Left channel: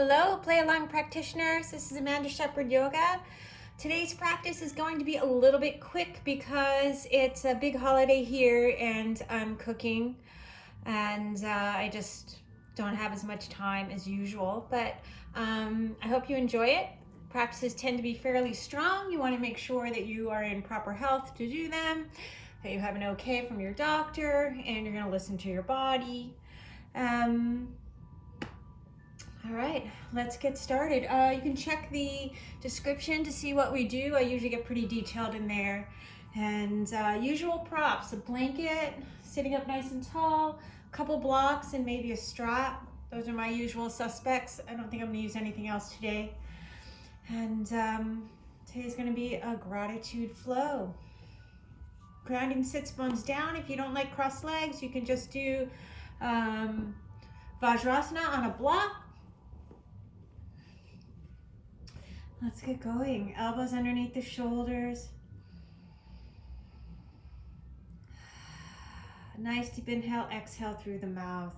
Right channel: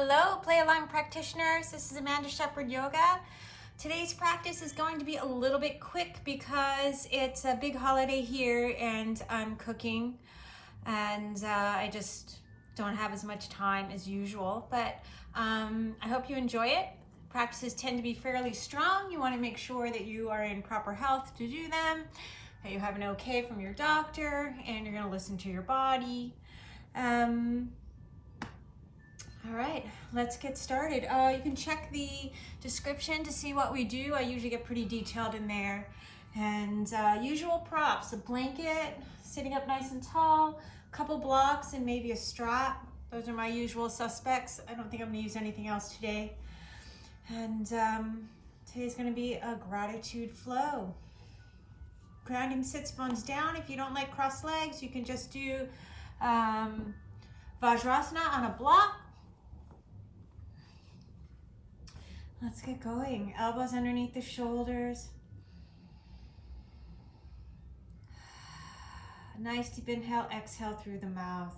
Hello, play along practitioners. This is Amanda Shepherd Yoga. Today's practice is going to be a little bit quick because it's a big holiday here and I'm cooking and I just don't have as much time as usual, but I hope you enjoy it. Practices tend to be fairly strong. You want to make sure that you are in proper health to do them, that you have an okay from your doctor, and you're going to listen to your body. All right, let's get started. You can check the description to see what we do. I usually get pretty detailed in there. And usual props, a blanket, sitting up nice and tall, a couple blocks, and maybe a strap. Those are my usual suspects. I don't think I'm gonna use anything else today. And today's gonna be a gratitude flow. Grounding sits bones down. If you don't like crossed legs, you can just do Vajrasana on a block. Let's get going. Elbows underneath the shoulders. Nice deep inhale, exhale through the mouth.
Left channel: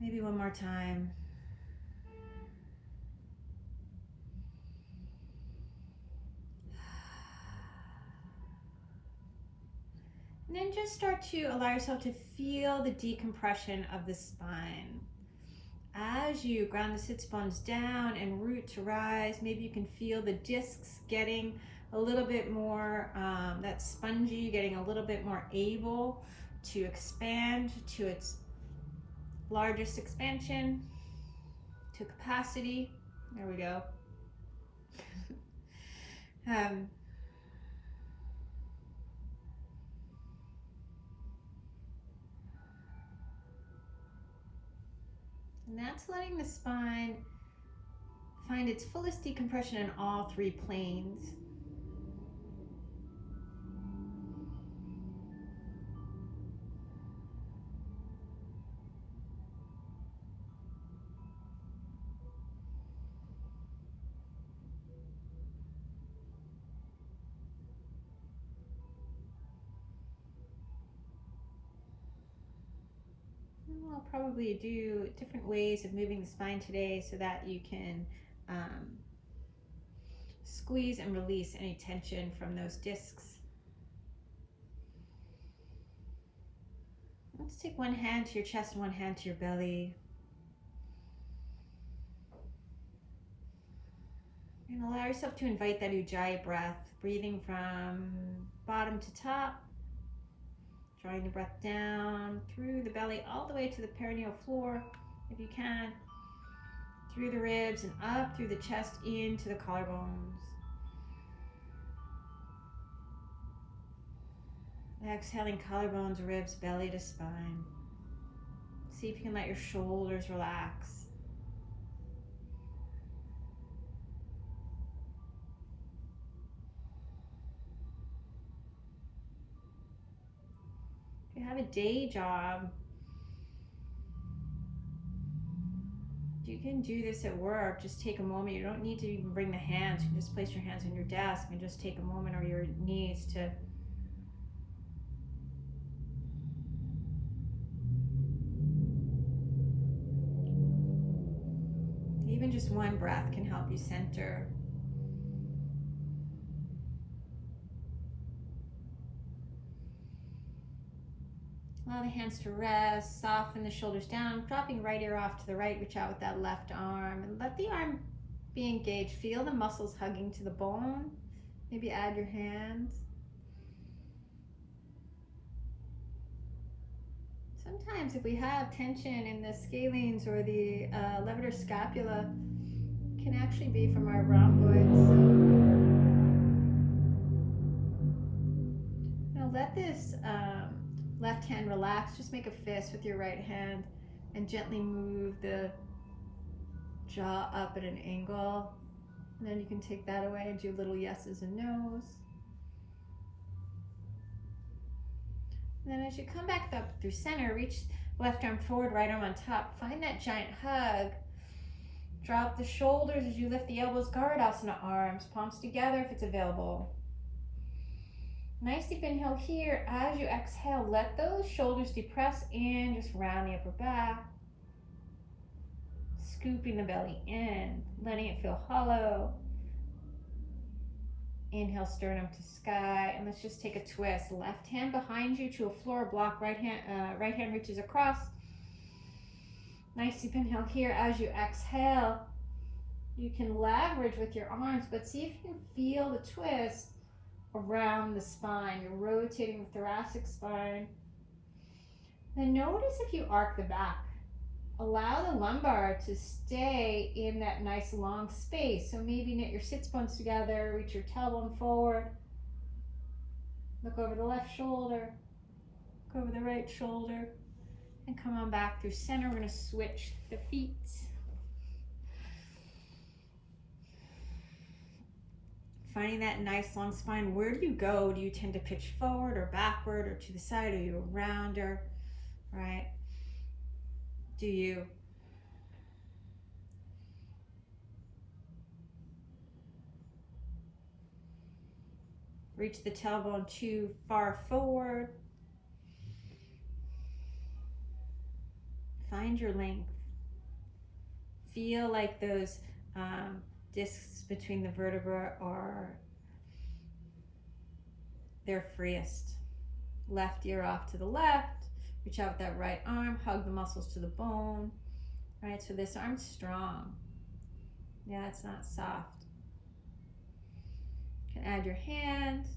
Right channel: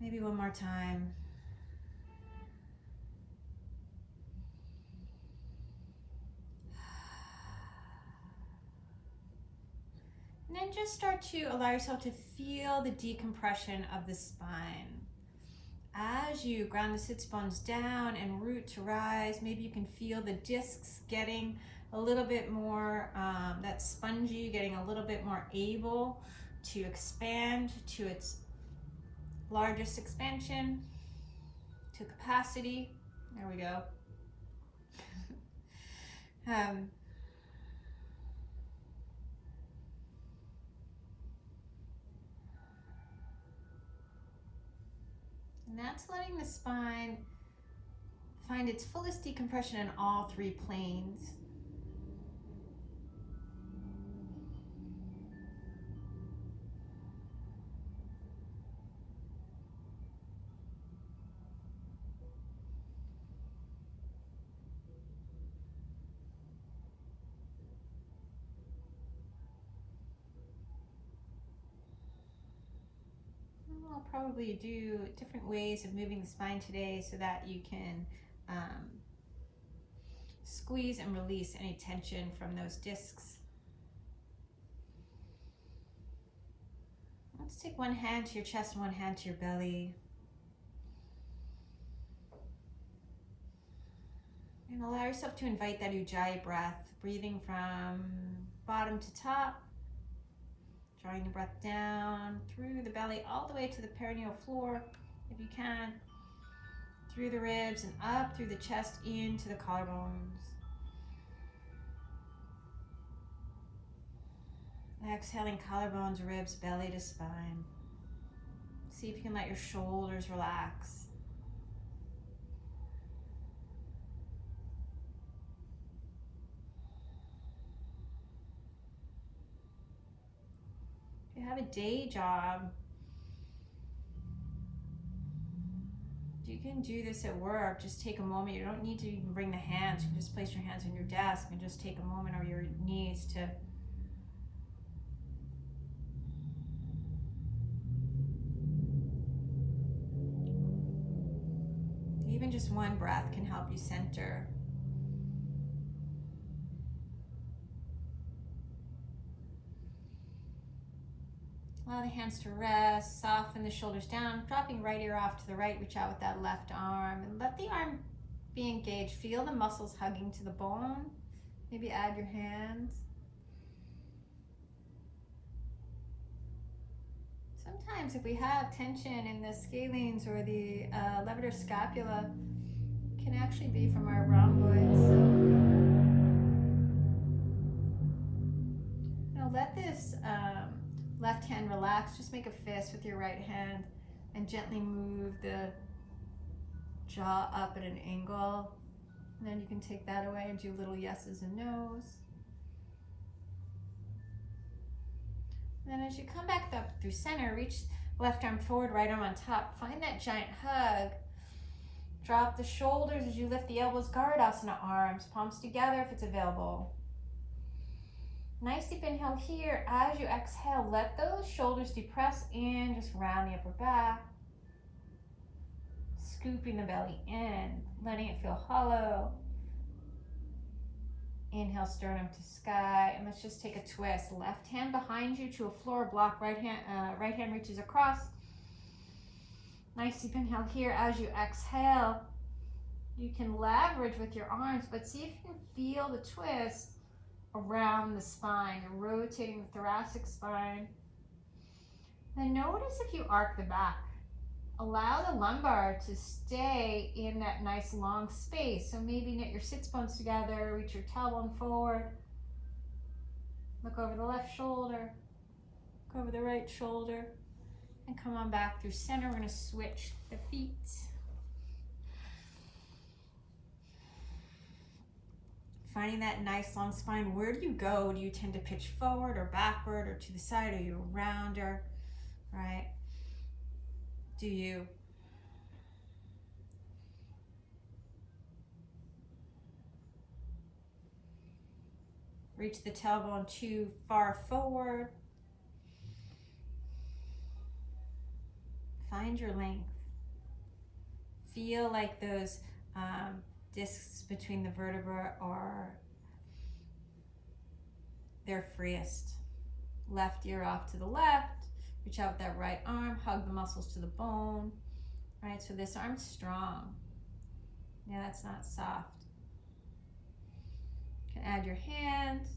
Maybe one more time. And then just start to allow yourself to feel the decompression of the spine. As you ground the sits bones down and root to rise, maybe you can feel the discs getting a little bit more, that spongy, getting a little bit more able to expand to its largest expansion, to capacity. There we go. And that's letting the spine find its fullest decompression in all three planes. I'll probably do different ways of moving the spine today so that you can squeeze and release any tension from those discs. Let's take one hand to your chest and one hand to your belly. And allow yourself to invite that Ujjayi breath, breathing from bottom to top. Drawing the breath down through the belly all the way to the perineal floor, if you can, through the ribs and up through the chest into the collarbones. Exhaling collarbones, ribs, belly to spine. See if you can let your shoulders relax. If you have a day job, you can do this at work. Just take a moment. You don't need to even bring the hands. You can just place your hands on your desk and just take a moment, or your knees, to even just one breath can help you center. Allow the hands to rest, soften the shoulders down, dropping right ear off to the right, reach out with that left arm, and let the arm be engaged. Feel the muscles hugging to the bone. Maybe add your hands. Sometimes if we have tension in the scalenes or the levator scapula, it can actually be from our rhomboids. Now let this left hand relax. Just make a fist with your right hand and gently move the jaw up at an angle. And then you can take that away and do little yeses and nos. And then as you come back up through center, reach left arm forward, right arm on top. Find that giant hug. Drop the shoulders as you lift the elbows, Kapotasana arms, palms together if it's available. Nice deep inhale here. As you exhale, let those shoulders depress in, just round the upper back. scooping the belly in, letting it feel hollow. Inhale, sternum to sky, and let's just take a twist. Left hand behind you to a floor block, right hand reaches across. Nice deep inhale here. As you exhale, you can leverage with your arms, but see if you can feel the twist around the spine. You're rotating the thoracic spine. Then notice if you arc the back. Allow the lumbar to stay in that nice long space. So maybe knit your sits bones together, reach your tailbone forward. Look over the left shoulder, look over the right shoulder, and come on back through center. We're gonna switch the feet. Finding that nice long spine. Where do you go? Do you tend to pitch forward or backward or to the side? Are you a rounder, right? Do you reach the tailbone too far forward? Find your length. Feel like those discs between the vertebra are their freest. Left ear off to the left. Reach out with that right arm, hug the muscles to the bone. Right, so this arm's strong. Yeah, that's not soft. You can add your hands.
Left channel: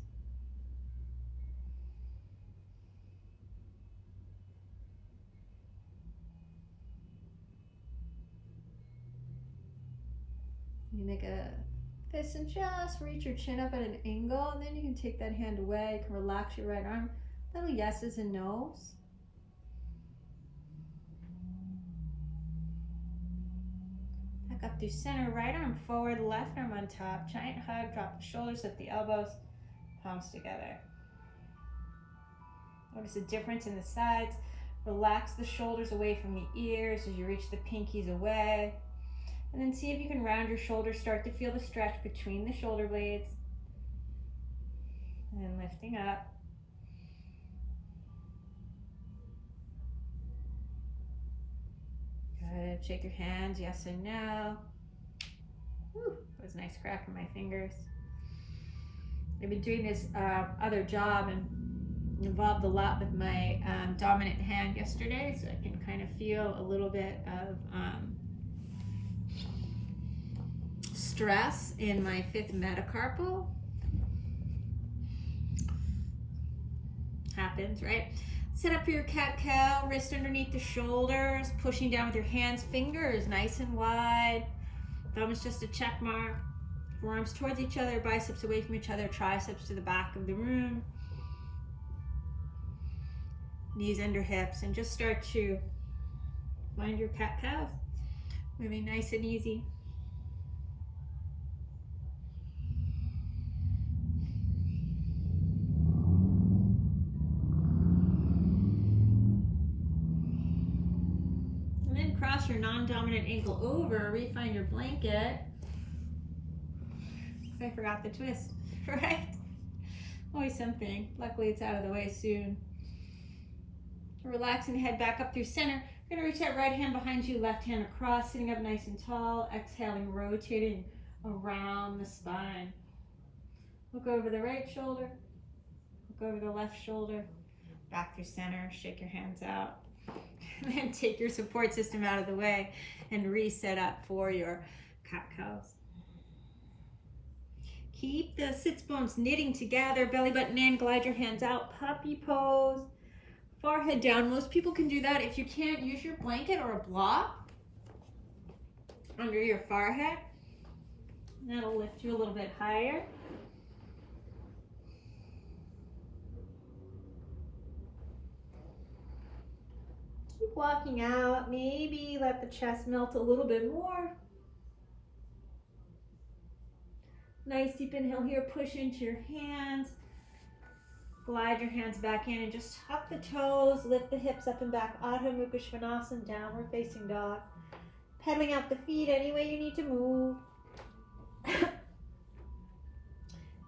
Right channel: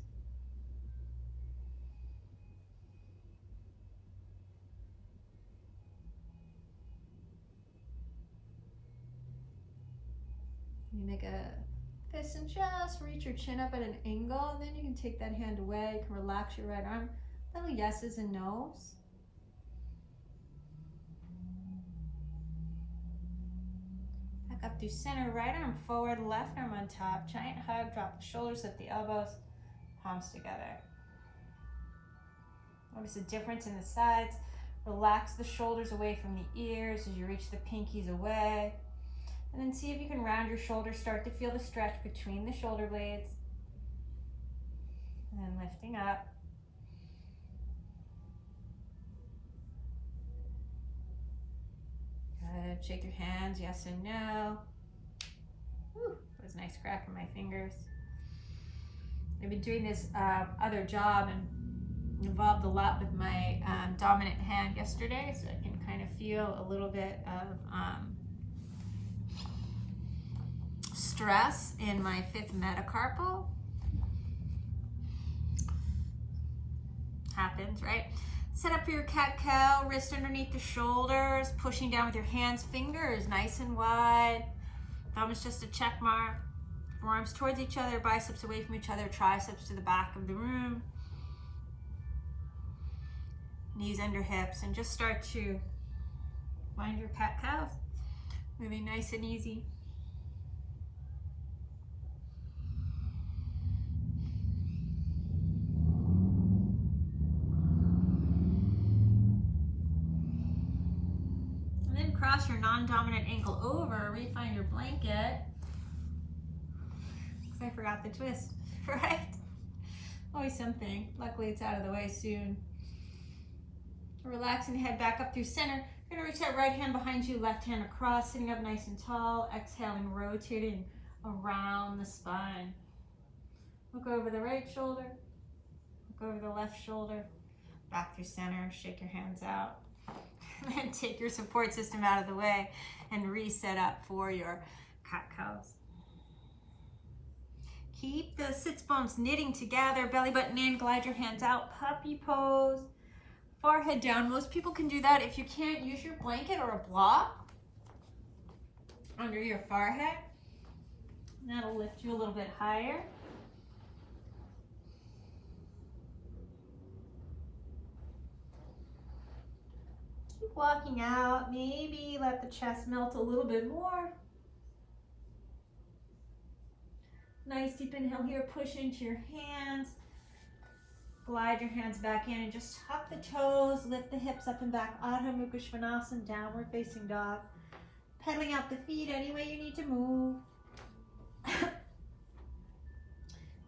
You make a fist and just reach your chin up at an angle, and then you can take that hand away. You can relax your right arm. Little yeses and nos. Back up through center, right arm forward, left arm on top. Giant hug, drop the shoulders, lift the elbows, palms together. Notice the difference in the sides. Relax the shoulders away from the ears as you reach the pinkies away. And then see if you can round your shoulders, start to feel the stretch between the shoulder blades. And then lifting up. Good, shake your hands, yes and no. Whew, that was a nice crack in my fingers. I've been doing this other job and involved a lot with my dominant hand yesterday, so I can kind of feel a little bit of stress in my fifth metacarpal. Happens, right? Set up for your cat-cow, wrist underneath the shoulders, pushing down with your hands, fingers nice and wide. Thumb is just a check mark. Forearms towards each other, biceps away from each other, triceps to the back of the room. Knees under hips, and just start to find your cat-cow. Moving nice and easy. Cross your non-dominant ankle over, refine your blanket. I forgot the twist, right? Always something. Luckily it's out of the way soon. Relaxing, head back up through center. You're gonna reach that right hand behind you, left hand across, sitting up nice and tall, exhaling, rotating around the spine. Look over the right shoulder, look over the left shoulder, back through center, shake your hands out. And then take your support system out of the way and reset up for your cat-cows. Keep the sits bones knitting together, belly button in, glide your hands out, puppy pose, forehead down. Most people can do that. If you can't, use your blanket or a block under your forehead. That'll lift you a little bit higher. Keep walking out, maybe let the chest melt a little bit more. Nice deep inhale here, push into your hands. Glide your hands back in and just tuck the toes, lift the hips up and back. Adho Mukha Svanasana, downward facing dog. Pedaling out the feet any way you need to move.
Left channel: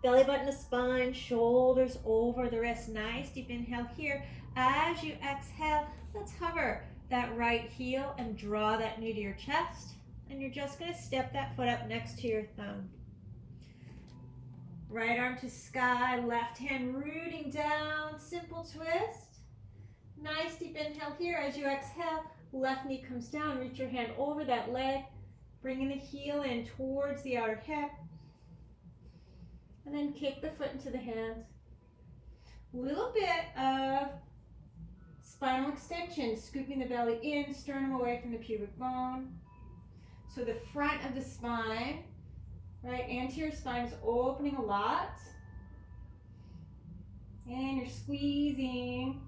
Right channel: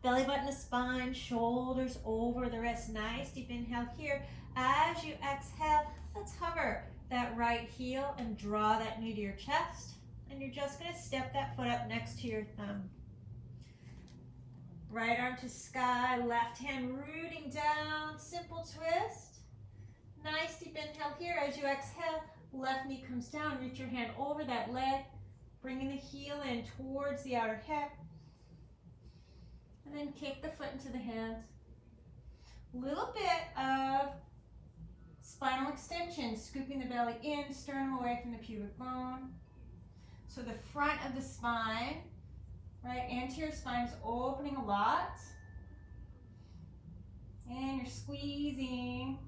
Belly button to spine, shoulders over the wrists. Nice deep inhale here. As you exhale, let's hover that right heel and draw that knee to your chest. And you're just going to step that foot up next to your thumb. Right arm to sky, left hand rooting down, simple twist. Nice deep inhale here. As you exhale, left knee comes down, reach your hand over that leg, bringing the heel in towards the outer hip. And then kick the foot into the hands. Little bit of spinal extension, scooping the belly in, sternum away from the pubic bone. So the front of the spine, right, anterior spine is opening a lot. And you're squeezing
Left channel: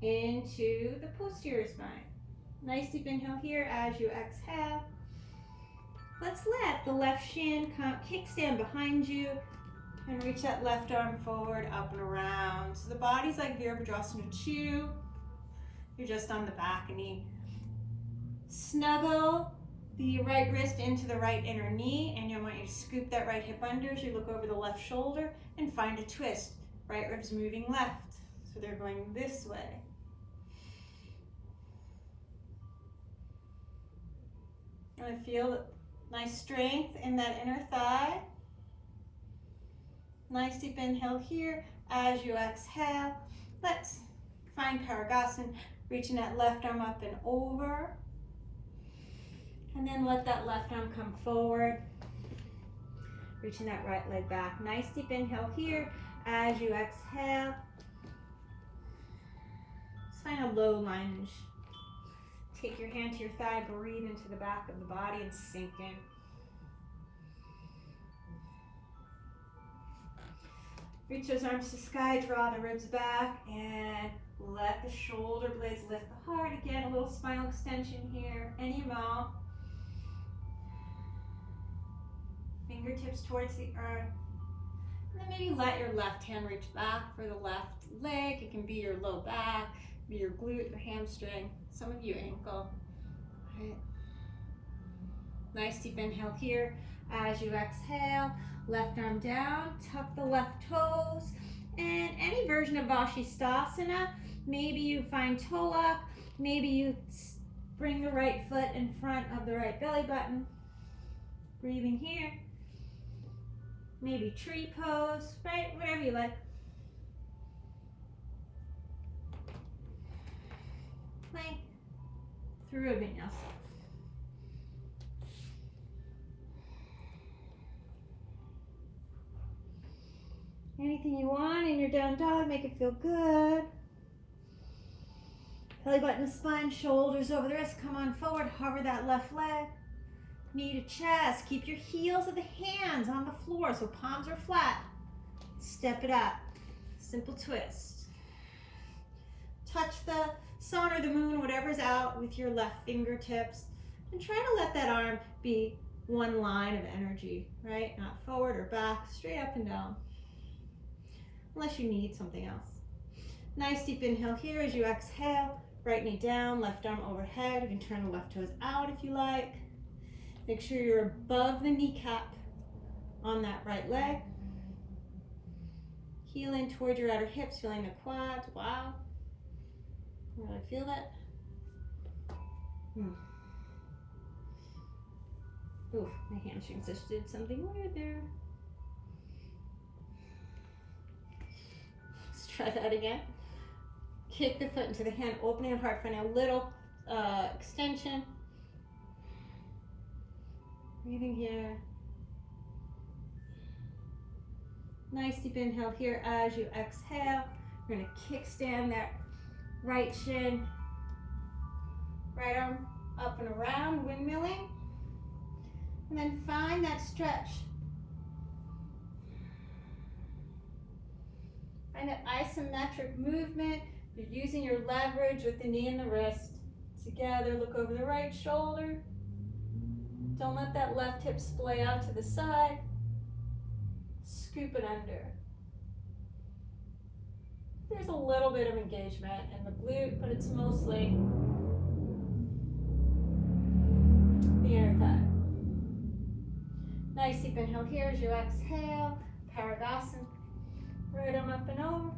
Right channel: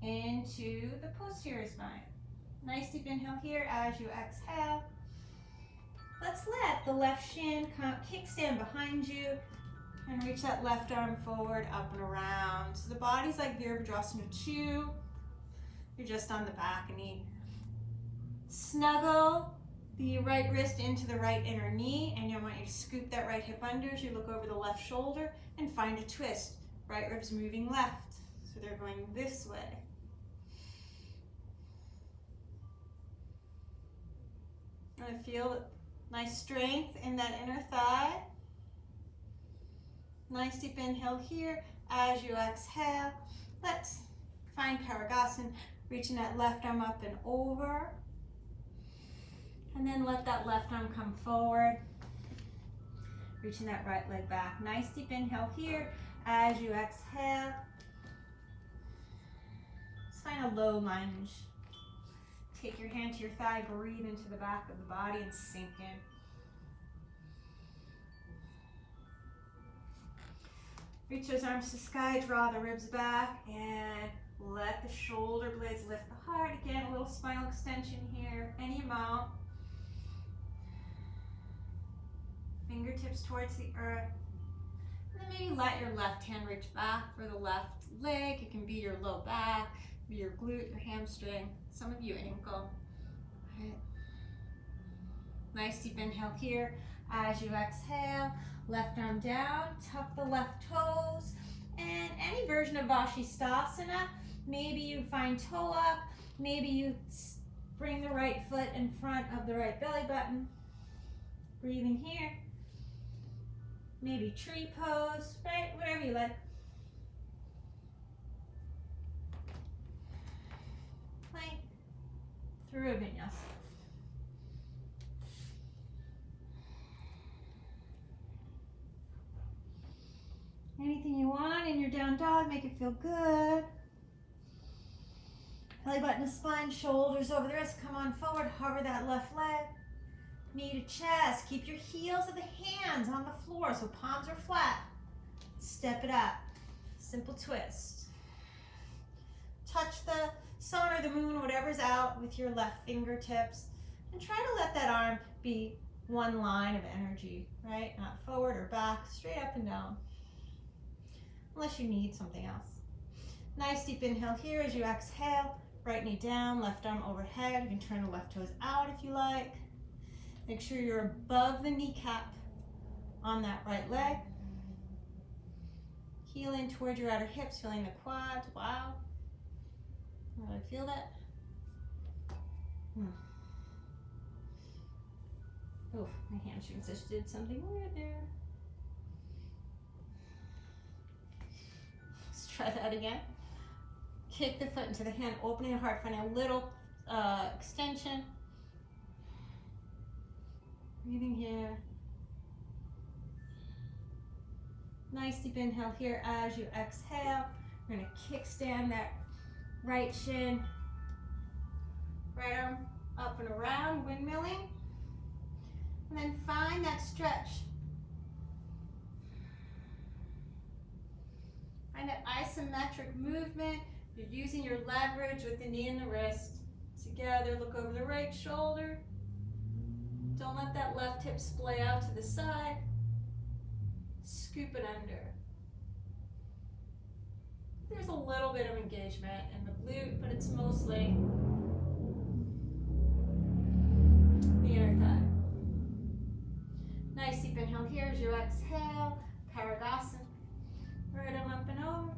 into the posterior spine. Nice deep inhale here as you exhale. Let's let the left shin come, kickstand behind you and reach that left arm forward, up and around. So the body's like Virabhadrasana 2. You're just on the back knee. Snuggle the right wrist into the right inner knee, and I want you to scoop that right hip under as you look over the left shoulder and find a twist. Right ribs moving left, so they're going this way. I feel nice strength in that inner thigh. Nice deep inhale here. As you exhale, let's find Parigasana, reaching that left arm up and over. And then let that left arm come forward, reaching that right leg back. Nice deep inhale here. As you exhale, let's find a low lunge. Take your hand to your thigh, breathe into the back of the body and sink in. Reach those arms to sky, draw the ribs back, and let the shoulder blades lift the heart. Again, a little spinal extension here, any amount. Fingertips towards the earth. And then maybe let your left hand reach back for the left leg. It can be your low back, be your glute, your hamstring, some of you ankle. Right. Nice deep inhale here. As you exhale, left arm down, tuck the left toes, and any version of Vashisthasana. Maybe you find toe lock, maybe you bring the right foot in front of the right belly button. Breathing here. Maybe tree pose, right? Whatever you like. Plank through a vinyasa. Anything you want in your down dog, make it feel good. Belly button to spine, shoulders over the wrist, come on forward, hover that left leg. Knee to chest, keep your heels of the hands on the floor so palms are flat. Step it up, simple twist. Touch the sun or the moon, whatever's out with your left fingertips, and try to let that arm be one line of energy, right? Not forward or back, straight up and down. Unless you need something else. Nice deep inhale here as you exhale, right knee down, left arm overhead. You can turn the left toes out if you like. Make sure you're above the kneecap on that right leg. Heel in toward your outer hips, feeling the quads. Wow. You want to feel that? Oof, my hamstrings just did something weird there. Let's try that again. Kick the foot into the hand, opening the heart, finding a little extension. Breathing here. Nice deep inhale here as you exhale. You're going to kickstand that right shin. Right arm up and around, windmilling. And then find that stretch. Find that isometric movement. You're using your leverage with the knee and the wrist. Together, look over the right shoulder. Don't let that left hip splay out to the side. Scoop it under. There's a little bit of engagement in the glute, but it's mostly the inner thigh. Nice deep inhale here as you exhale. Parigasana. Right arm up and over.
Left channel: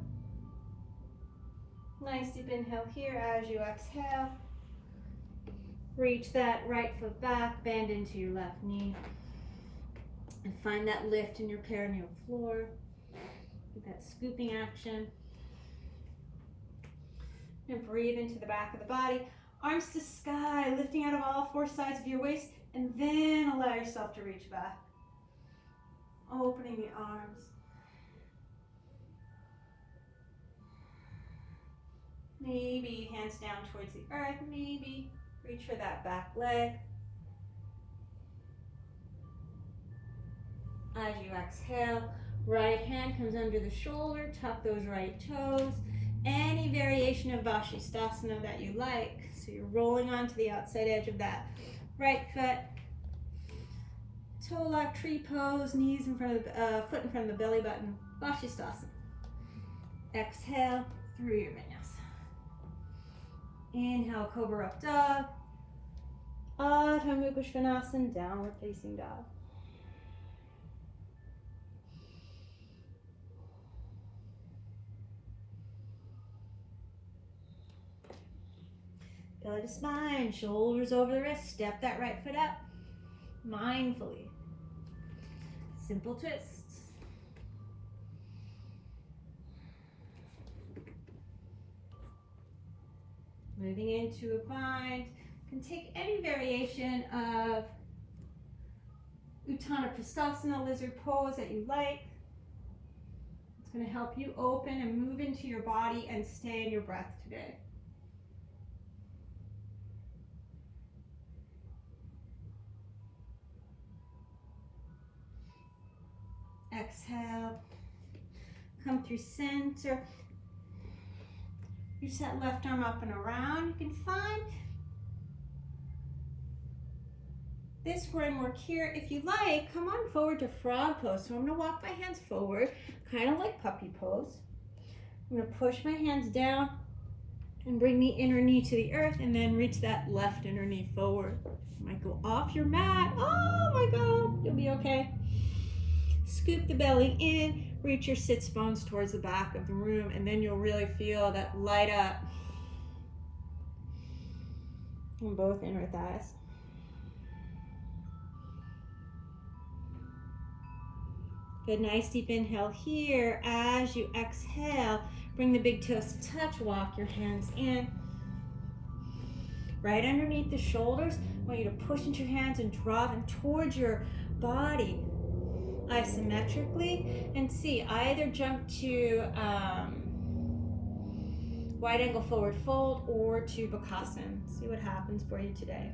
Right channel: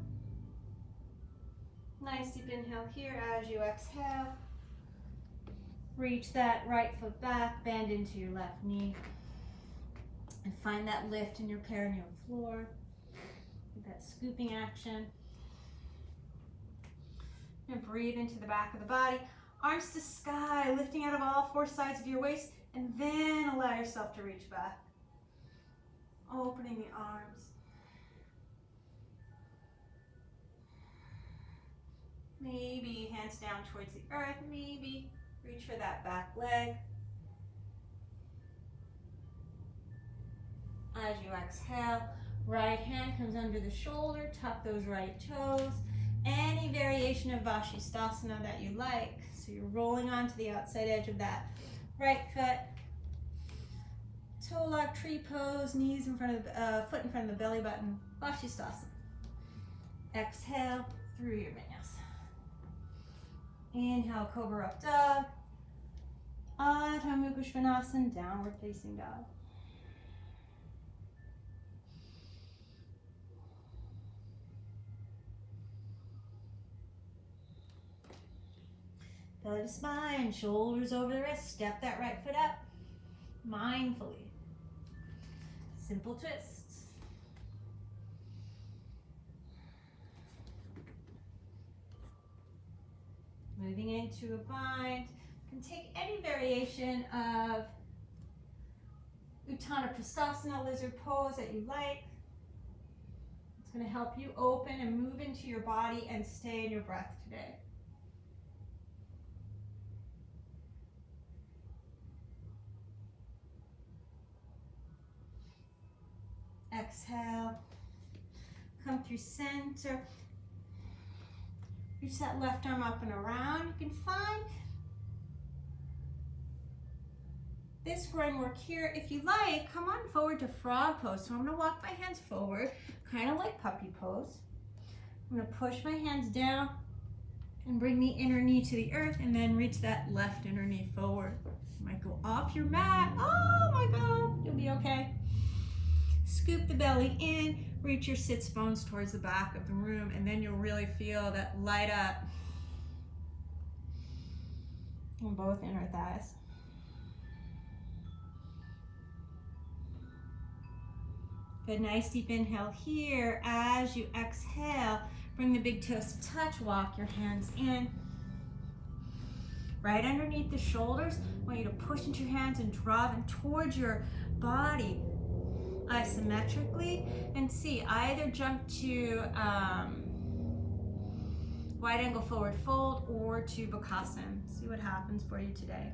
Nice deep inhale here as you exhale. Reach that right foot back, bend into your left knee. And find that lift in your perineal floor. That scooping action. And breathe into the back of the body. Arms to sky, lifting out of all four sides of your waist. And then allow yourself to reach back. Opening the arms. Maybe hands down towards the earth. Maybe reach for that back leg. As you exhale, right hand comes under the shoulder, tuck those right toes. Any variation of Vashisthasana that you like. So you're rolling onto the outside edge of that right foot. Toe lock, tree pose, knees in front of the foot in front of the belly button. Vashisthasana. Exhale through your vinyasa. Inhale, Cobra Up Dog. Adho Mukha Svanasana, Downward Facing Dog. Belly to spine, shoulders over the wrist. Step that right foot up. Mindfully. Simple twists. Moving into a bind. You can take any variation of Kapotasana, lizard pose that you like. It's going to help you open and move into your body and stay in your breath today. Exhale, come through center. Reach that left arm up and around. You can find this framework here. If you like, come on forward to frog pose. So I'm going to walk my hands forward, kind of like puppy pose. I'm going to push my hands down and bring the inner knee to the earth and then reach that left inner knee forward. You might go off your mat. Oh my God, you'll be okay. Scoop the belly in, reach your sits bones towards the back of the room, and then you'll really feel that light up in both inner thighs. Good, nice deep inhale here. As you exhale, bring the big toes to touch, walk your hands in. Right underneath the shoulders, I want you to push into your hands and draw them towards your body. Isometrically, and see, either jump to wide angle forward fold or to Bakasana. See what happens for you today.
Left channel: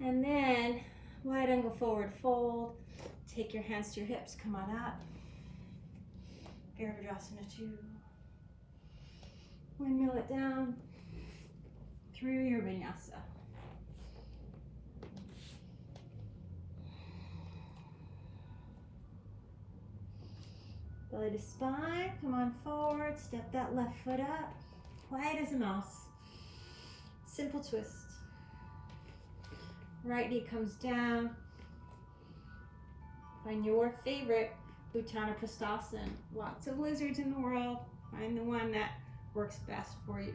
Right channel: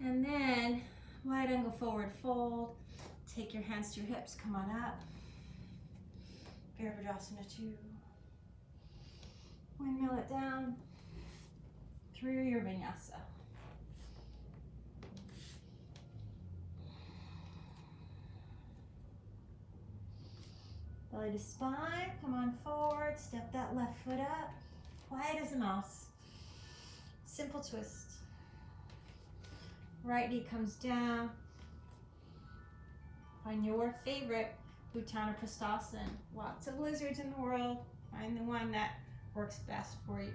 And then wide angle forward fold. Take your hands to your hips, come on up. Kapotasana 2. Windmill it down through your vinyasa. Belly to spine, come on forward, step that left foot up, quiet as a mouse. Simple twist. Right knee comes down. Find your favorite Kapotasana. Lots of lizards in the world. Find the one that works best for you.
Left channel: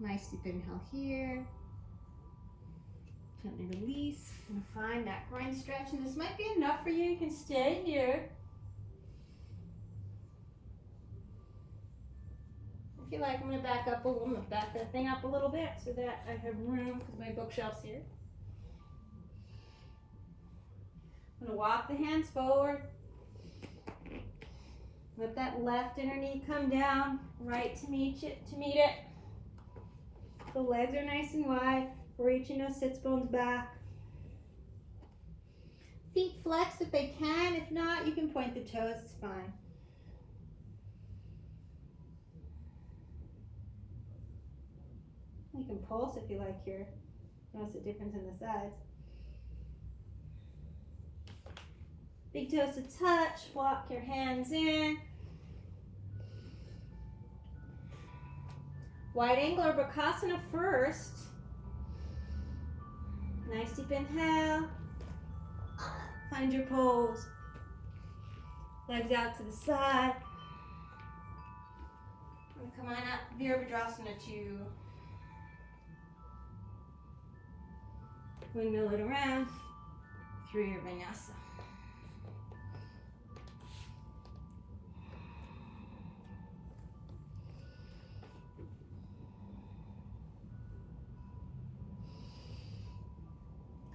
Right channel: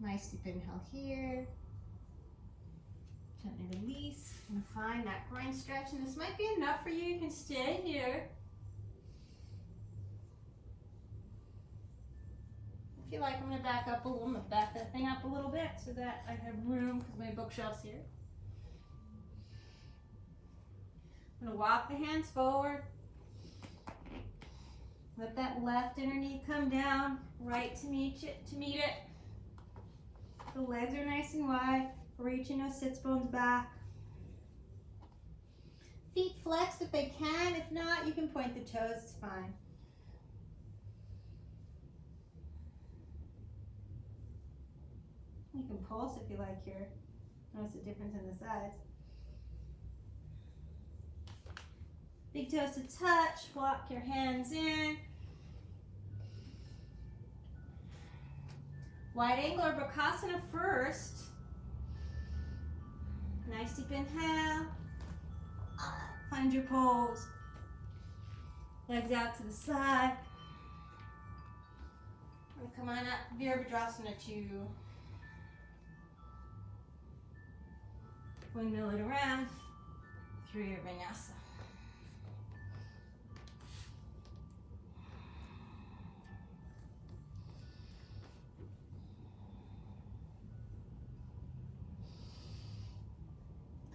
Nice deep inhale here. Gently release. And find that groin stretch. And this might be enough for you. You can stay here. If you like, I'm going to back up a little. I'm going to back that thing up a little bit so that I have room because my bookshelf's here. I'm going to walk the hands forward. Let that left inner knee come down, right to meet it. The legs are nice and wide, reaching those sits bones back. Feet flexed if they can. If not, you can point the toes, it's fine. You can pulse if you like here. Notice the difference in the sides. Big toes to touch, walk your hands in. Wide angle or Bakasana first. Nice deep inhale. Find your pose. Legs out to the side. And come on up, Virabhadrasana 2. Windmill it around through your vinyasa.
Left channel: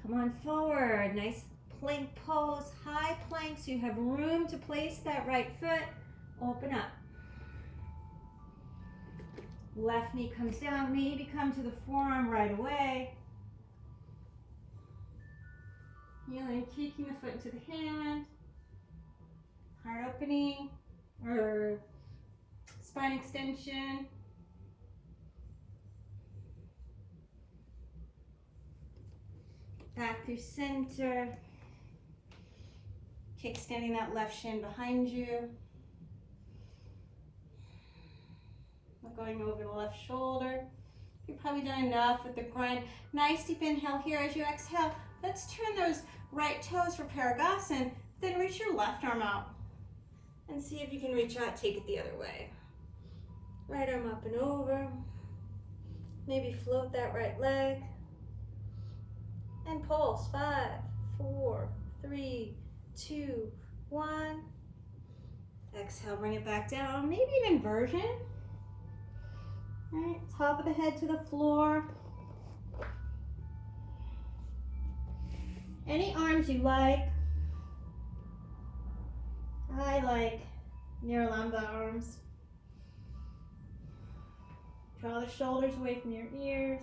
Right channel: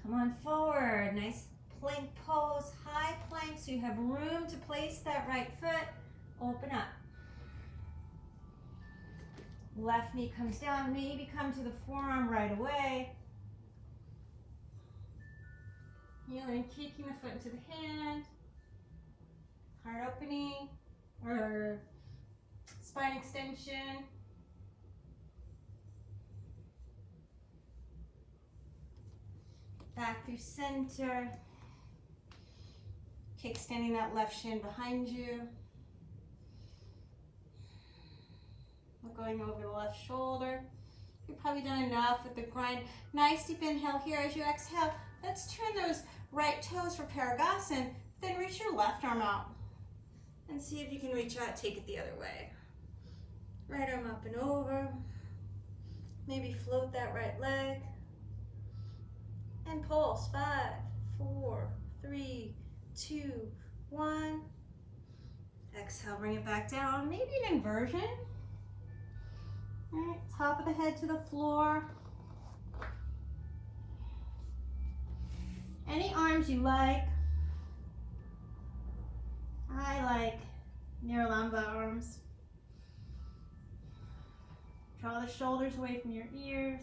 Come on forward, nice plank pose, high plank so you have room to place that right foot. Open up. Left knee comes down, maybe come to the forearm right away. Healing, kicking the foot into the hand. Heart opening or spine extension. Back through center. Kickstanding that left shin behind you. Going over the left shoulder. You've probably done enough with the grind. Nice deep inhale here as you exhale. Let's turn those right toes for Parigasana. Then reach your left arm out. And see if you can reach out, take it the other way. Right arm up and over. Maybe float that right leg. And pulse. 5, 4, 3, 2, 1. Exhale, bring it back down. Maybe an inversion. Right, top of the head to the floor. Any arms you like. I like Nirlamba arms. Draw the shoulders away from your ears.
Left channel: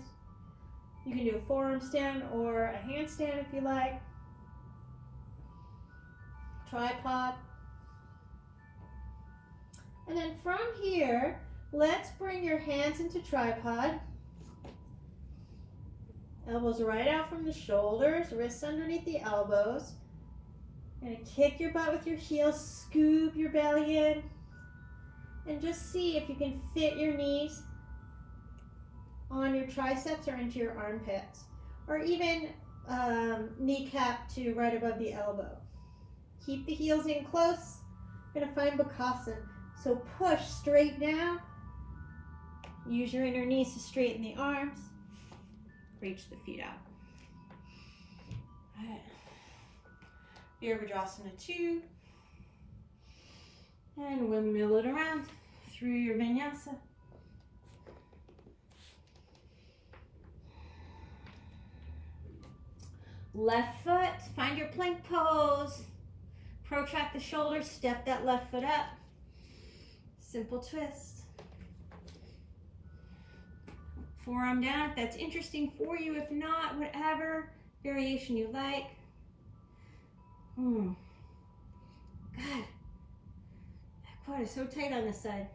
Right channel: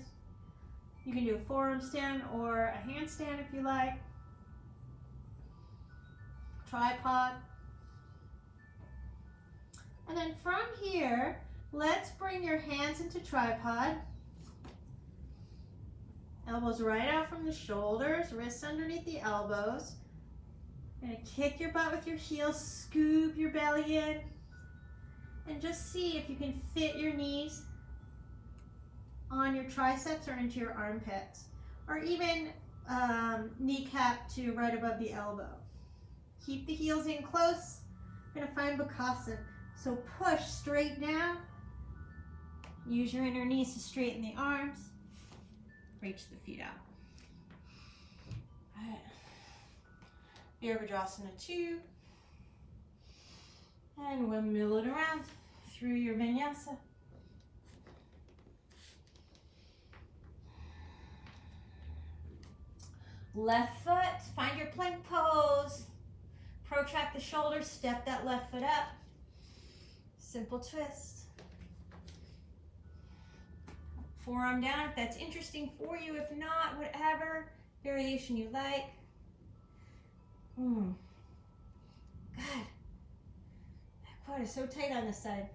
You can do a forearm stand or a handstand if you like. Tripod. And then from here, let's bring your hands into tripod. Elbows right out from the shoulders, wrists underneath the elbows. You're gonna kick your butt with your heels, scoop your belly in, and just see if you can fit your knees on your triceps or into your armpits, or even kneecap to right above the elbow. Keep the heels in close. We're gonna find Bakasana. So push straight down. Use your inner knees to straighten the arms. Reach the feet out. All right. Virabhadrasana 2. And windmill it around through your vinyasa. Left foot, find your plank pose. Protract the shoulders, step that left foot up. Simple twist. Forearm down if that's interesting for you. If not, whatever variation you like. God, that quad is so tight on this side.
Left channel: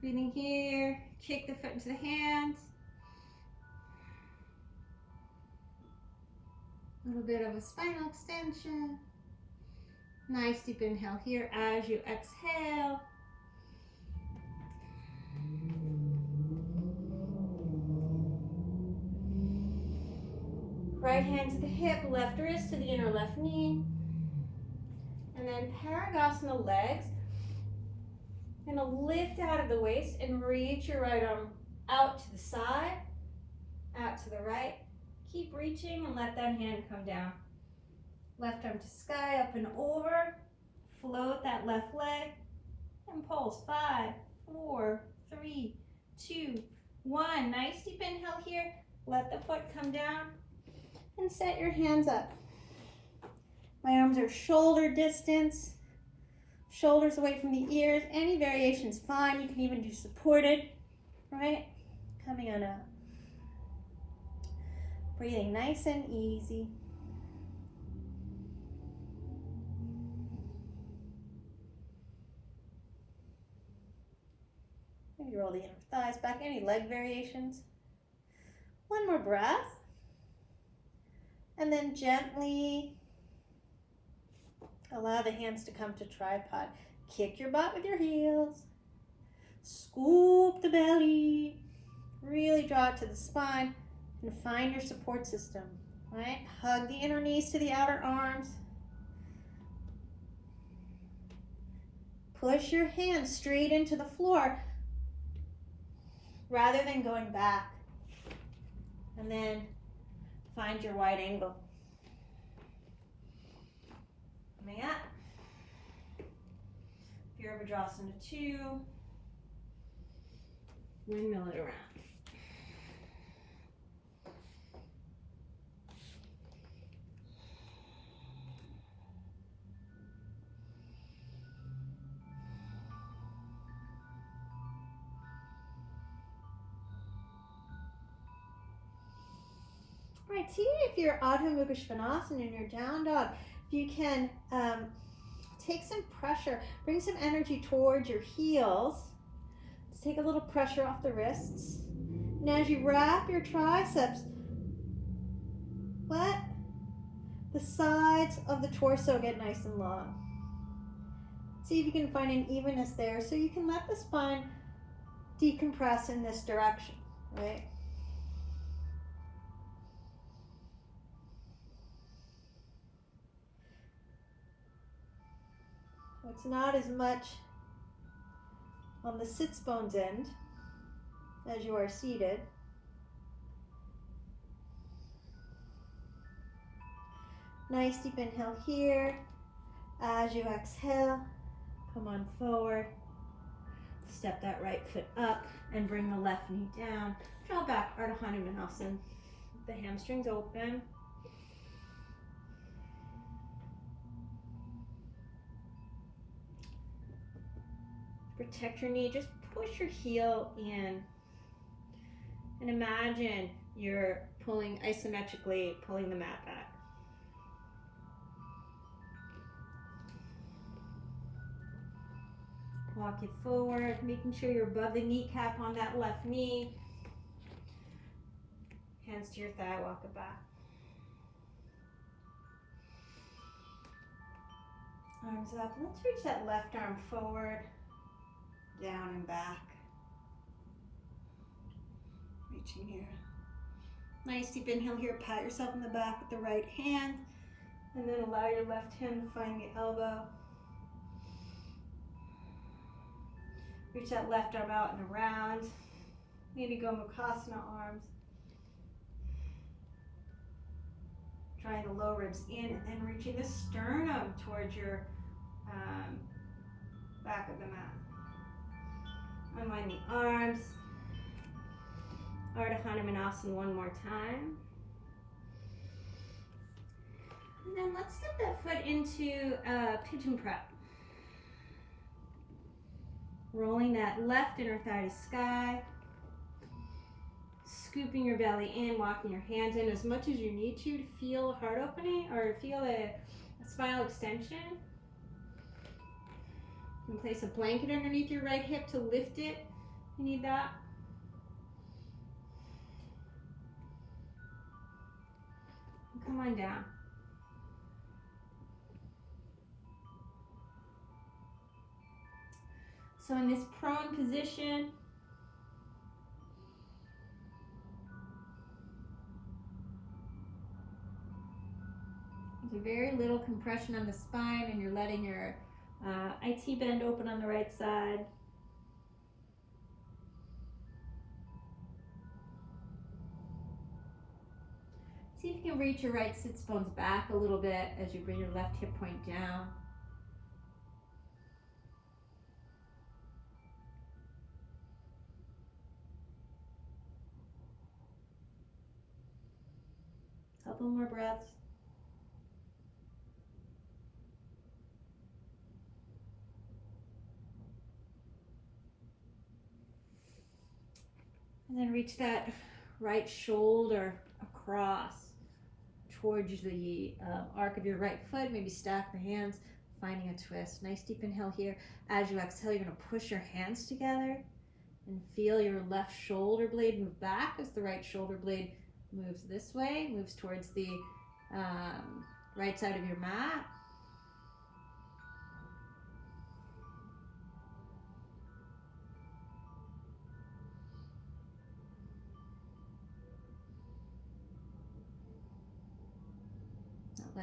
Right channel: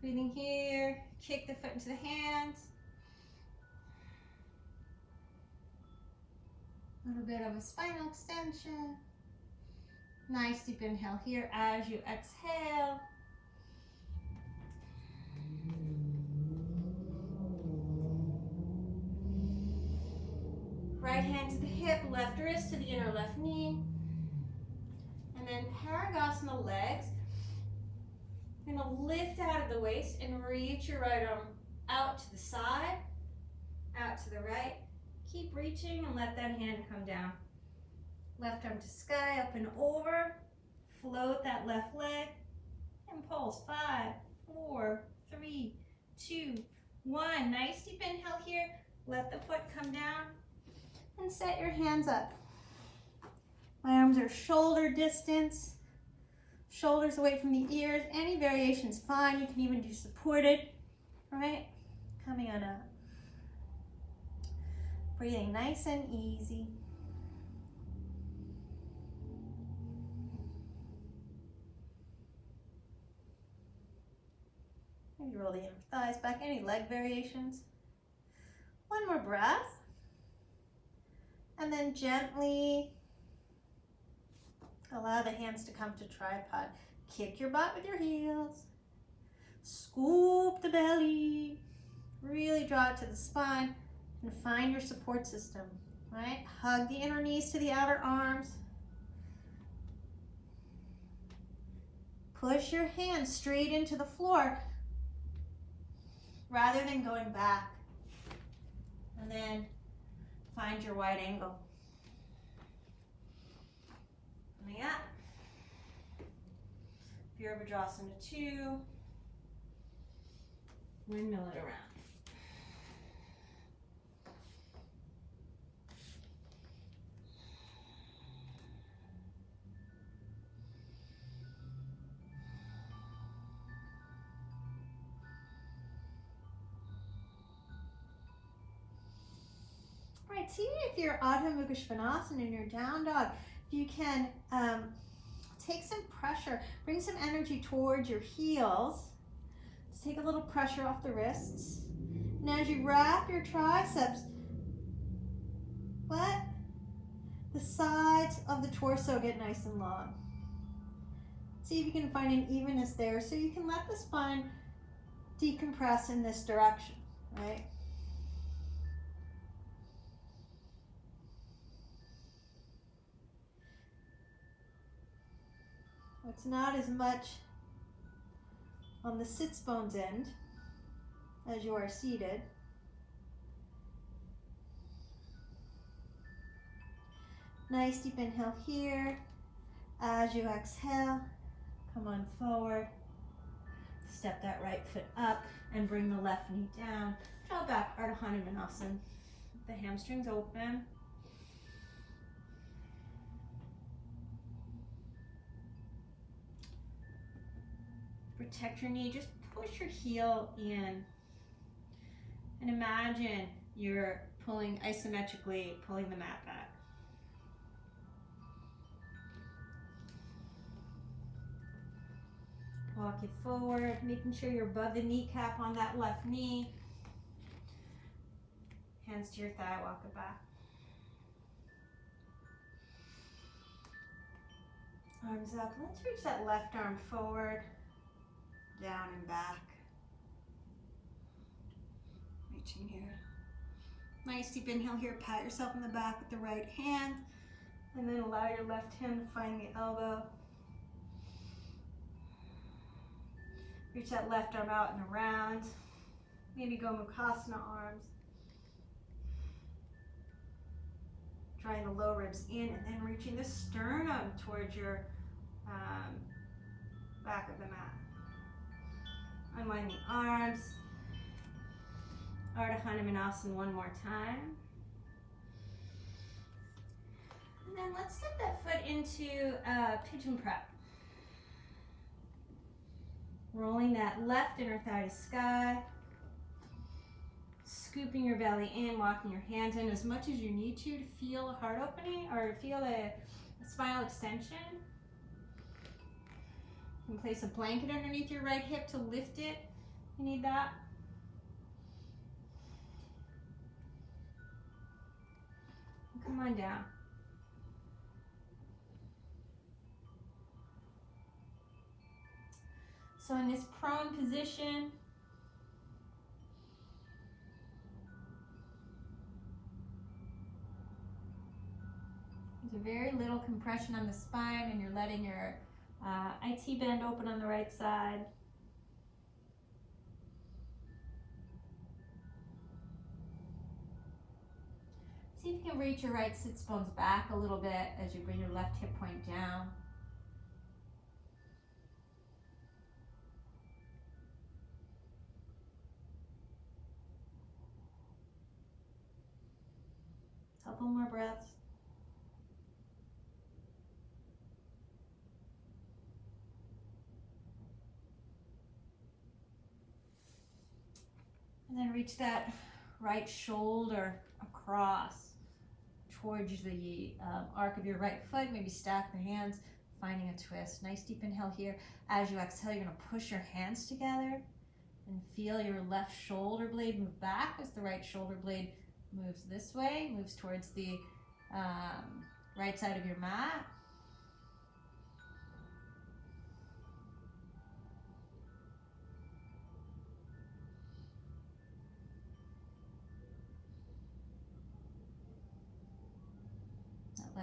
Breathing here, kick the foot into the hands. A little bit of a spinal extension. Nice deep inhale here as you exhale. Right hand to the hip, left wrist to the inner left knee. And then Parigasana legs. You're gonna lift out of the waist and reach your right arm out to the side, out to the right. Keep reaching and let that hand come down. Left arm to sky, up and over. Float that left leg and pulse. 5, 4, 3, 2, 1. Nice deep inhale here. Let the foot come down and set your hands up. My arms are shoulder distance. Shoulders away from the ears. Any variation is fine. You can even do supported, right? Coming on up. Breathing nice and easy. Maybe roll the inner thighs back. Any leg variations? One more breath. And then gently allow the hands to come to tripod. Kick your butt with your heels. Scoop the belly. Really draw it to the spine and find your support system. right? Hug the inner knees to the outer arms. Push your hands straight into the floor rather than going back. And then find your wide angle. Coming up. Virabhadrasana 2. Windmill it around. All right, see if you're Adho Mukha Svanasana and you're down dog, if you can take some pressure, bring some energy towards your heels. Just take a little pressure off the wrists. And as you wrap your triceps, let the sides of the torso get nice and long. See if you can find an evenness there so you can let the spine decompress in this direction, right? It's not as much on the sits bones end as you are seated. Nice deep inhale here. As you exhale, come on forward. Step that right foot up and bring the left knee down. Draw back, Ardha Hanumanasana. The hamstrings open. Protect your knee, just push your heel in. And imagine you're pulling isometrically, pulling the mat back. Walk it forward, making sure you're above the kneecap on that left knee. Hands to your thigh, walk it back. Arms up. Let's reach that left arm forward, down and back. Reaching here. Nice deep inhale here. Pat yourself in the back with the right hand. And then allow your left hand to find the elbow. Reach that left arm out and around. Maybe go Mukhasana arms. Drawing the low ribs in and then reaching the sternum towards your back of the mat. Unwind the arms. Ardha Hanumanasana one more time. And then let's step that foot into pigeon prep. Rolling that left inner thigh to sky. Scooping your belly in, walking your hands in as much as you need to feel a heart opening or feel a spinal extension. You can place a blanket underneath your right hip to lift it. You need that. And come on down. So in this prone position, there's a very little compression on the spine and you're letting your IT bend open on the right side. See if you can reach your right sits bones back a little bit as you bring your left hip point down. Couple more breaths. And then reach that right shoulder across towards the arc of your right foot. Maybe stack the hands, finding a twist. Nice deep inhale here. As you exhale, you're going to push your hands together and feel your left shoulder blade move back as the right shoulder blade moves this way, moves towards the right side of your mat.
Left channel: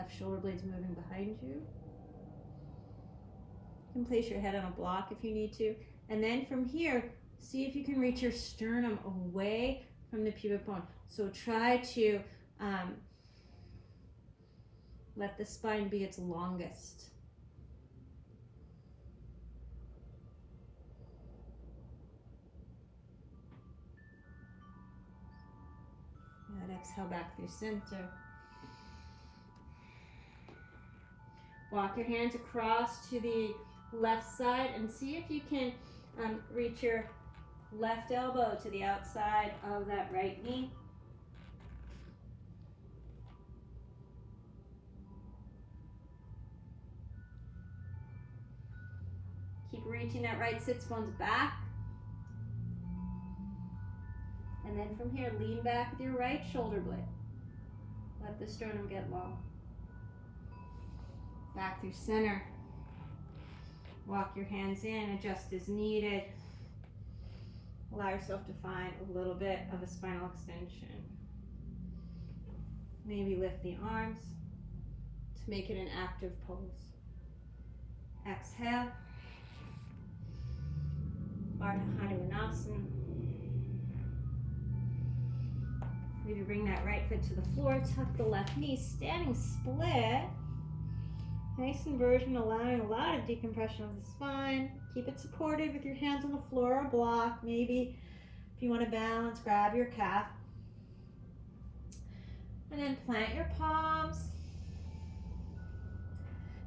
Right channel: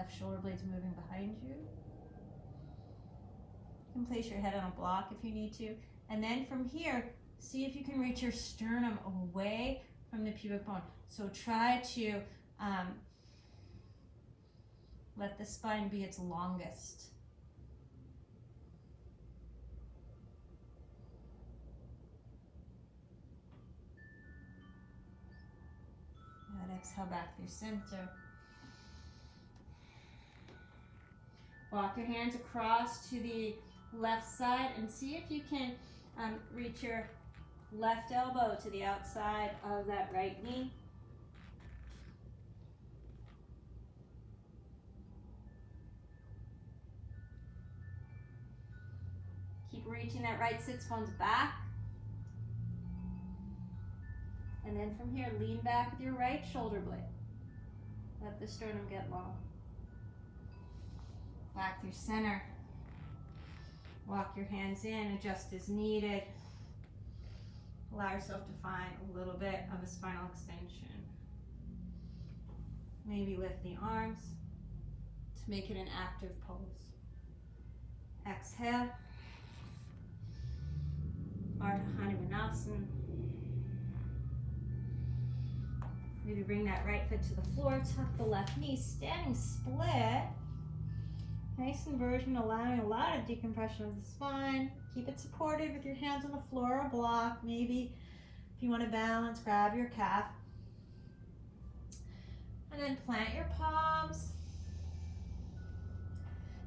left shoulder blades moving behind you. You can place your head on a block if you need to. And then from here, see if you can reach your sternum away from the pubic bone. So try to let the spine be its longest. And exhale back through center. Walk your hands across to the left side and see if you can reach your left elbow to the outside of that right knee. Keep reaching that right sits bones back. And then from here, lean back with your right shoulder blade. Let the sternum get long. Back through center. Walk your hands in, adjust as needed. Allow yourself to find a little bit of a spinal extension. Maybe lift the arms to make it an active pose. Exhale. Ardha Hanumanasana. You're going to bring that right foot to the floor, tuck the left knee, standing split. Nice inversion, allowing a lot of decompression of the spine. Keep it supported with your hands on the floor or block. Maybe if you want to balance, grab your calf. And then plant your palms.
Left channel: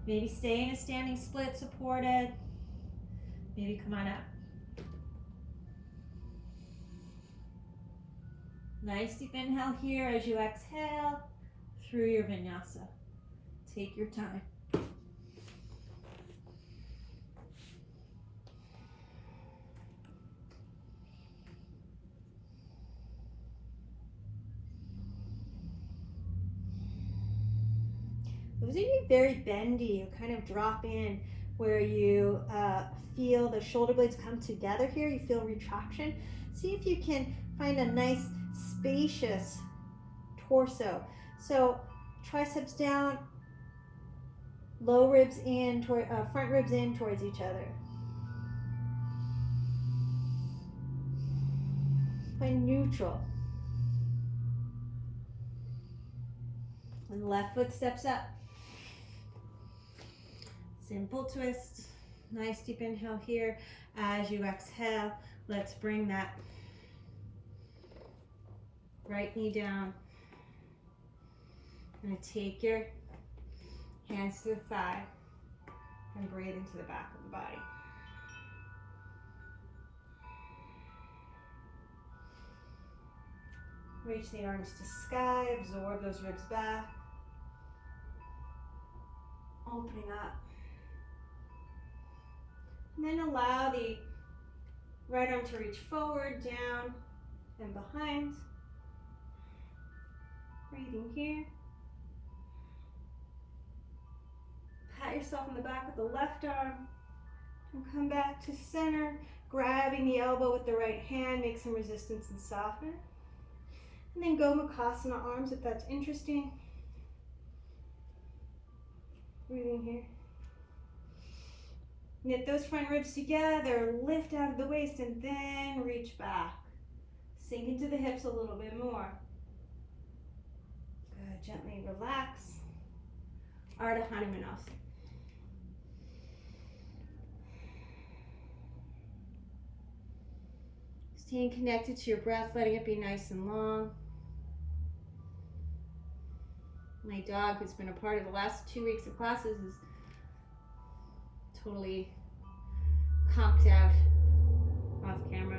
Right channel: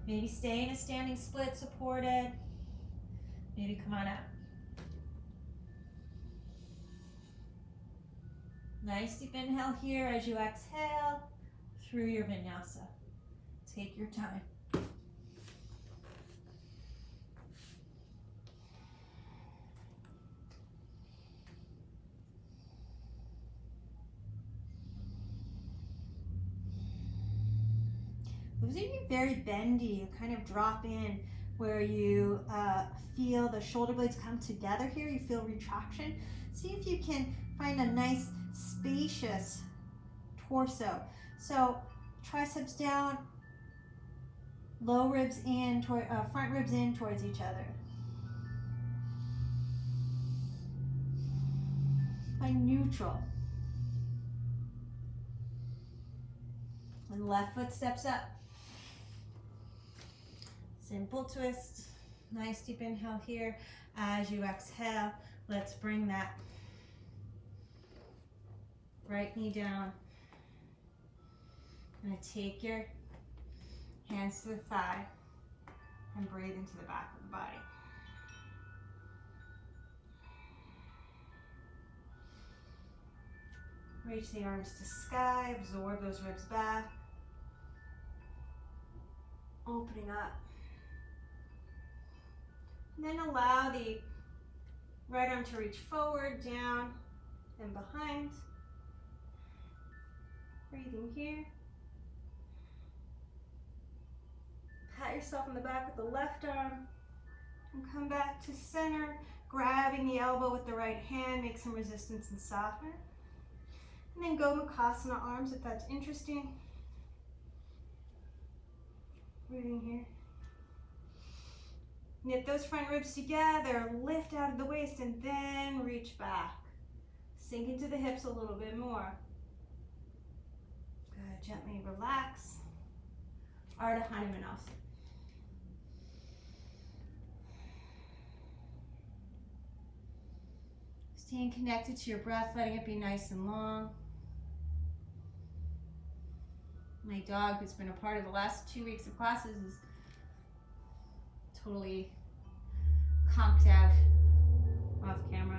Maybe stay in a standing split supported. Maybe come on up. Nice deep inhale here as you exhale through your vinyasa. Take your time. Those of you very bendy, you kind of drop in where you feel the shoulder blades come together here. You feel retraction. See if you can find a nice spacious torso. So triceps down, low ribs in, front ribs in towards each other. Find neutral. And left foot steps up. Simple twist. Nice deep inhale here. As you exhale, let's bring that right knee down. You're going to take your hands to the thigh and breathe into the back of the body. Reach the arms to sky, absorb those ribs back. Opening up. And then allow the right arm to reach forward, down, and behind. Breathing here. Pat yourself on the back with the left arm. And come back to center, grabbing the elbow with the right hand, make some resistance and soften. And then Gomukhasana arms if that's interesting. Breathing here. Knit those front ribs together, lift out of the waist, and then reach back. Sink into the hips a little bit more. Good, gently relax. Ardha Hanumanasana. Staying connected to your breath, letting it be nice and long. My dog, who's been a part of the last 2 weeks of classes, is totally conked out off camera.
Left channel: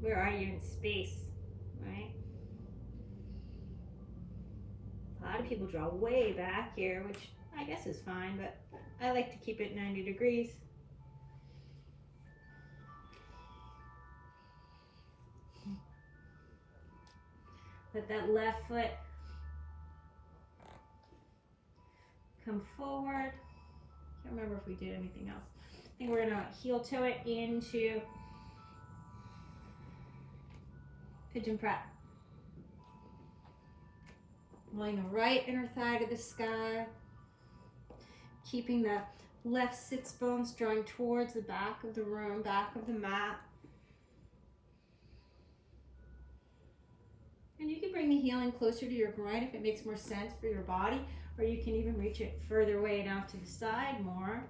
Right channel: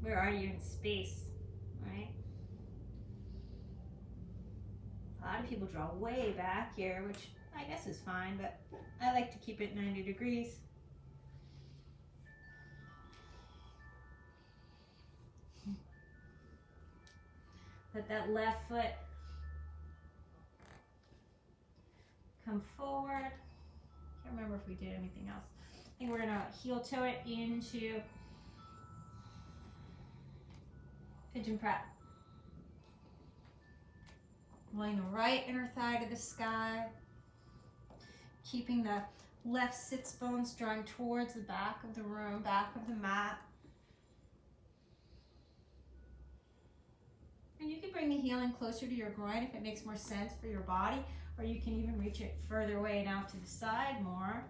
Where are you in space, right? A lot of people draw way back here, which I guess is fine, but I like to keep it 90 degrees. Let that left foot come forward. Can't remember if we did anything else. think we're gonna heel toe it into pigeon prep. Rolling the right inner thigh to the sky. Keeping the left sits bones drawing towards the back of the room, back of the mat. And you can bring the heel in closer to your groin if it makes more sense for your body, or you can even reach it further away and out to the side more.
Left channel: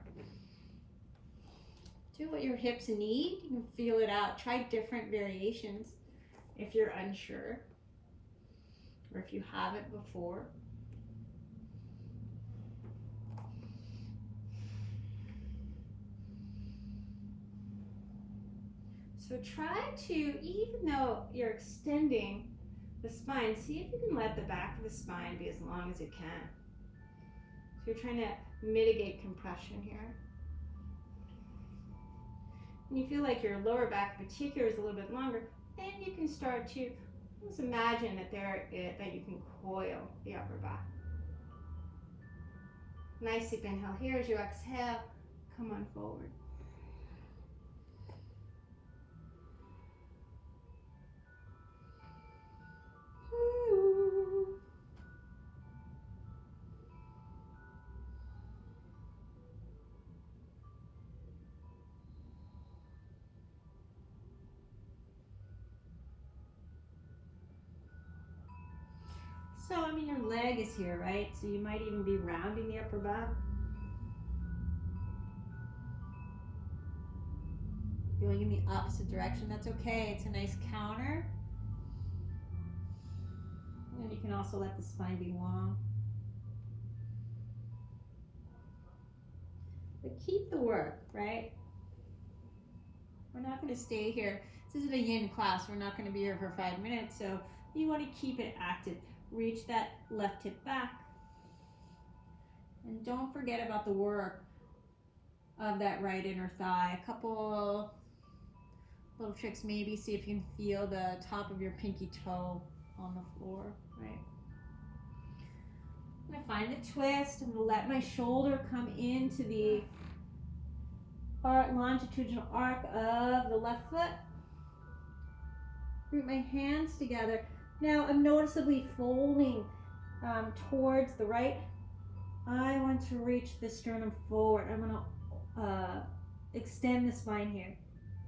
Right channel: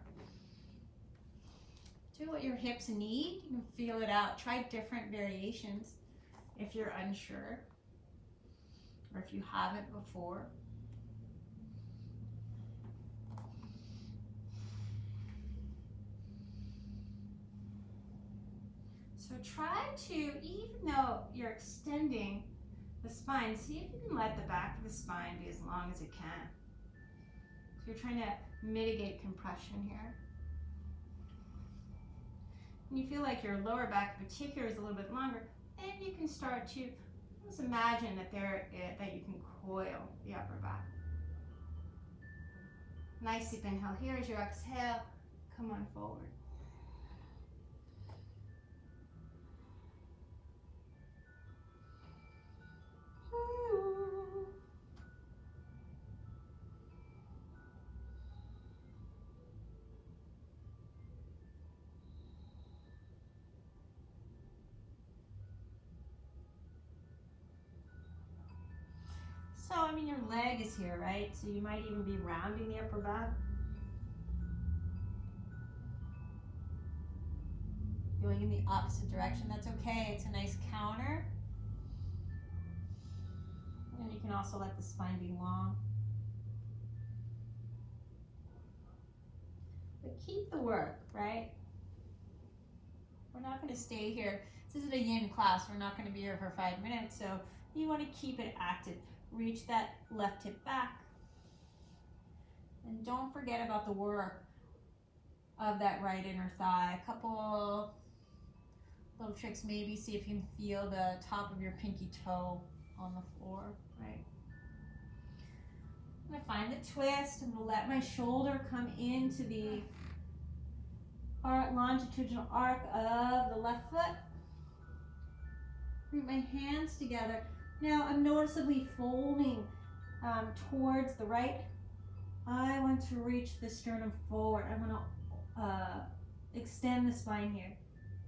Do what your hips need. You can feel it out. Try different variations if you're unsure or if you haven't before. So try to, even though you're extending the spine, see if you can let the back of the spine be as long as it can. So you're trying to mitigate compression here. And you feel like your lower back in particular is a little bit longer, then you can start to just imagine that that you can coil the upper back. Nice deep inhale here. As you exhale, come on forward. So, I mean, your leg is here, right? So you might even be rounding the upper back. Going in the opposite direction, that's okay. It's a nice counter. And you can also let the spine be long. But keep the work, right? We're not going to stay here. This isn't a yin class. We're not going to be here for 5 minutes. So you want to keep it active. Reach that left hip back. And don't forget about the work of that right inner thigh. A couple little tricks, maybe see if you can feel the top of your pinky toe on the floor, right? I'm gonna find the twist. I'm gonna let my shoulder come into the longitudinal arc of the left foot. Root my hands together. Now I'm noticeably folding towards the right. I want to reach the sternum forward. I'm gonna extend the spine here.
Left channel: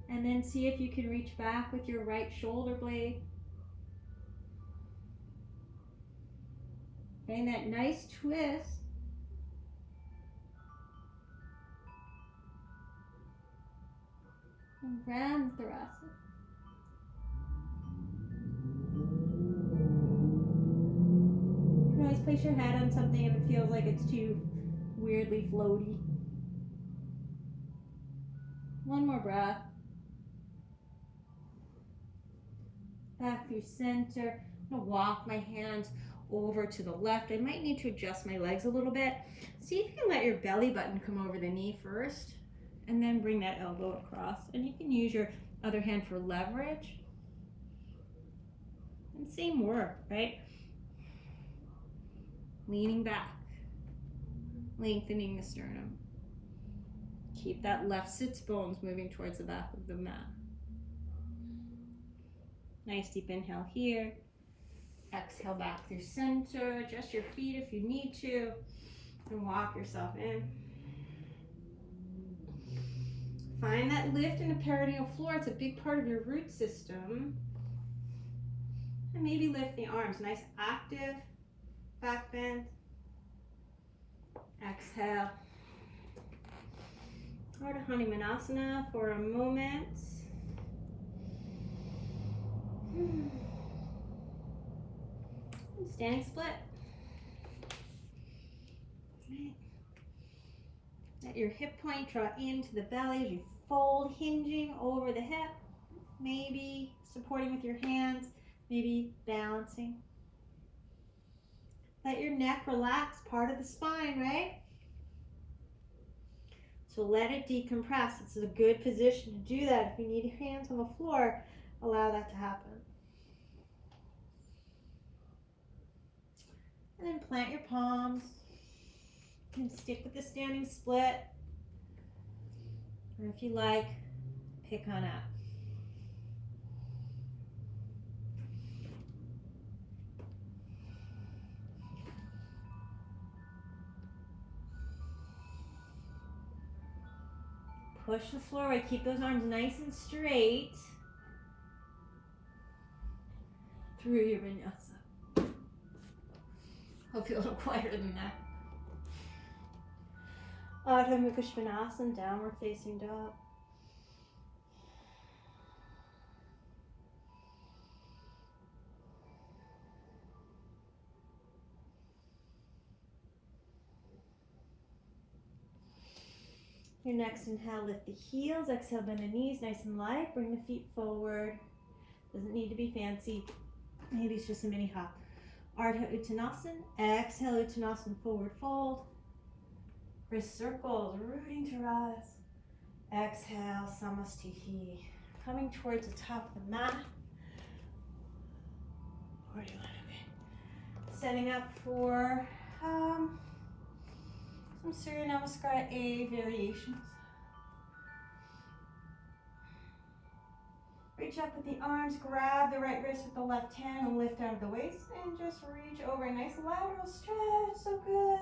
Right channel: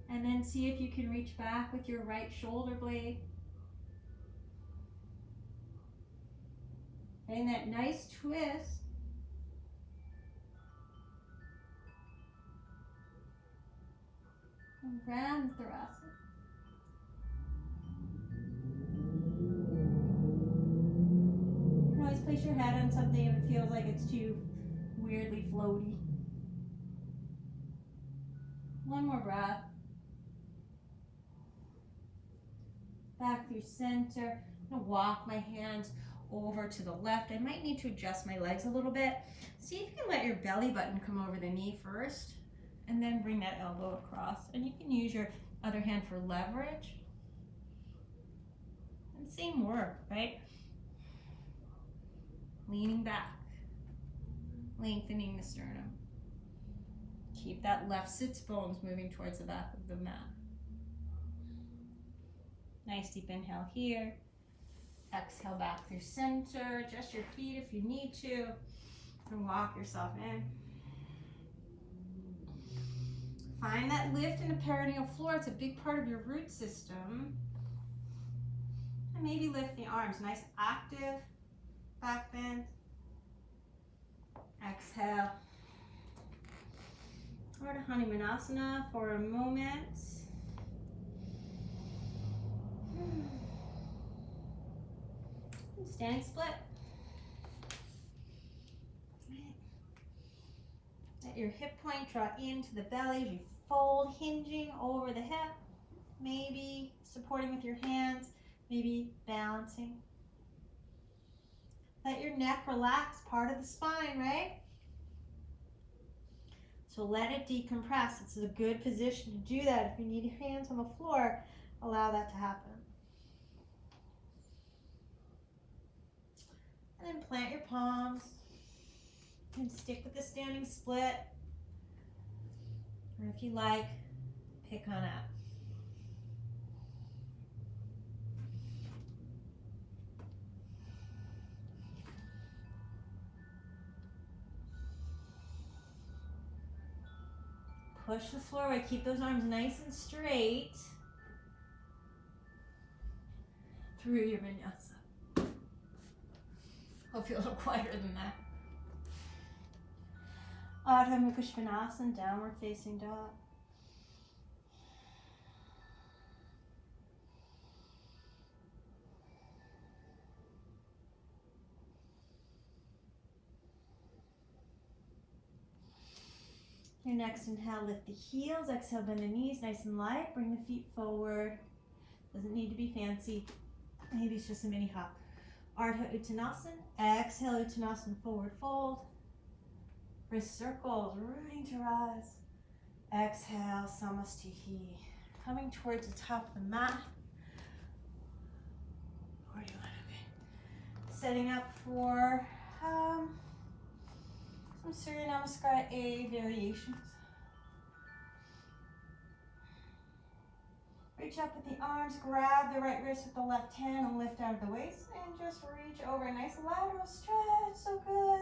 And then see if you can reach back with your right shoulder blade. And that nice twist. And round the thoracic. You can always place your head on something if it feels like it's too weirdly floaty. One more breath. Back through center. I'm gonna walk my hands over to the left. I might need to adjust my legs a little bit. See if you can let your belly button come over the knee first, and then bring that elbow across. And you can use your other hand for leverage. And same work, right? Leaning back, lengthening the sternum. Keep that left sits bones moving towards the back of the mat. Nice deep inhale here. Exhale back through center. Adjust your feet if you need to. And walk yourself in. Find that lift in the perineal floor. It's a big part of your root system. And maybe lift the arms. Nice active back bend. Exhale. Ardha Hanumanasana for a moment. Standing split. Let your hip point draw into the belly as you fold, hinging over the hip. Maybe supporting with your hands, maybe balancing. Let your neck relax, part of the spine, right? So let it decompress. It's a good position to do that. If you need your hands on the floor, allow that to happen. And then plant your palms and stick with the standing split. Or if you like, pick on up. Push this forward. Keep those arms nice and straight through your vinyasa. Hopefully a little quieter than that. Ardha Mukha Svanasana, downward facing dog. Your next inhale, lift the heels. Exhale, bend the knees nice and light. Bring the feet forward. Doesn't need to be fancy. Maybe it's just a mini hop. Ardha Uttanasana. Exhale, Uttanasana, forward fold. Wrist circles, rooting to rise. Exhale, Samastihi. Coming towards the top of the mat. Where do you want to be? Setting up for some Surya Namaskar A variations. Reach up with the arms, grab the right wrist with the left hand and lift out of the waist and just reach over. Nice lateral stretch, so good.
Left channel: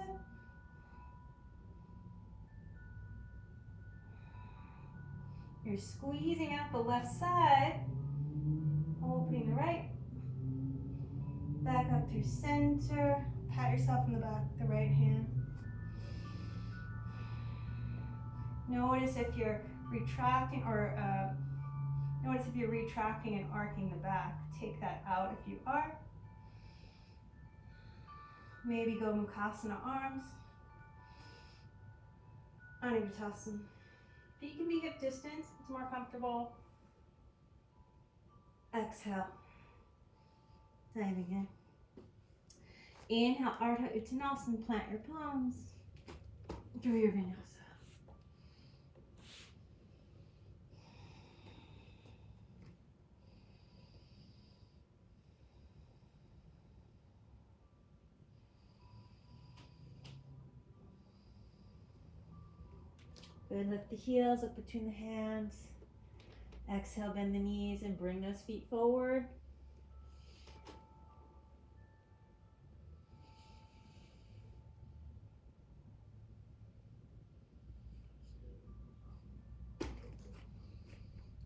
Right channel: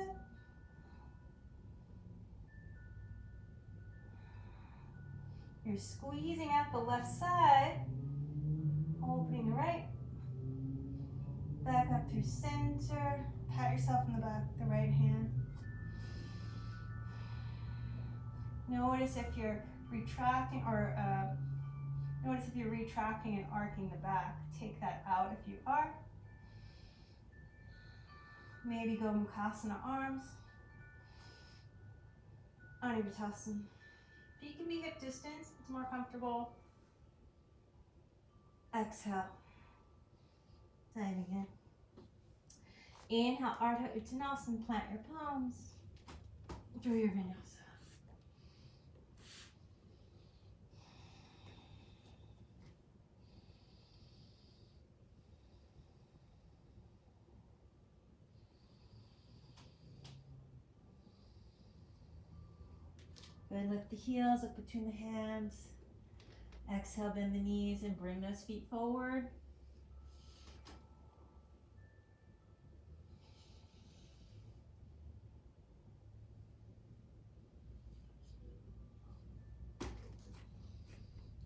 You're squeezing out the left side, opening the right. Back up through center. Pat yourself in the back with the right hand. Notice if you're retracting or notice if you're retracting and arcing the back. Take that out if you are. Maybe go Mukasana arms. Anivatasana. Feet can be hip distance, it's more comfortable. Exhale. Dive again. Inhale, Ardha Uttanasana, plant your palms. Do your vinyasa. Good, lift the heels up between the hands. Exhale, bend the knees and bring those feet forward.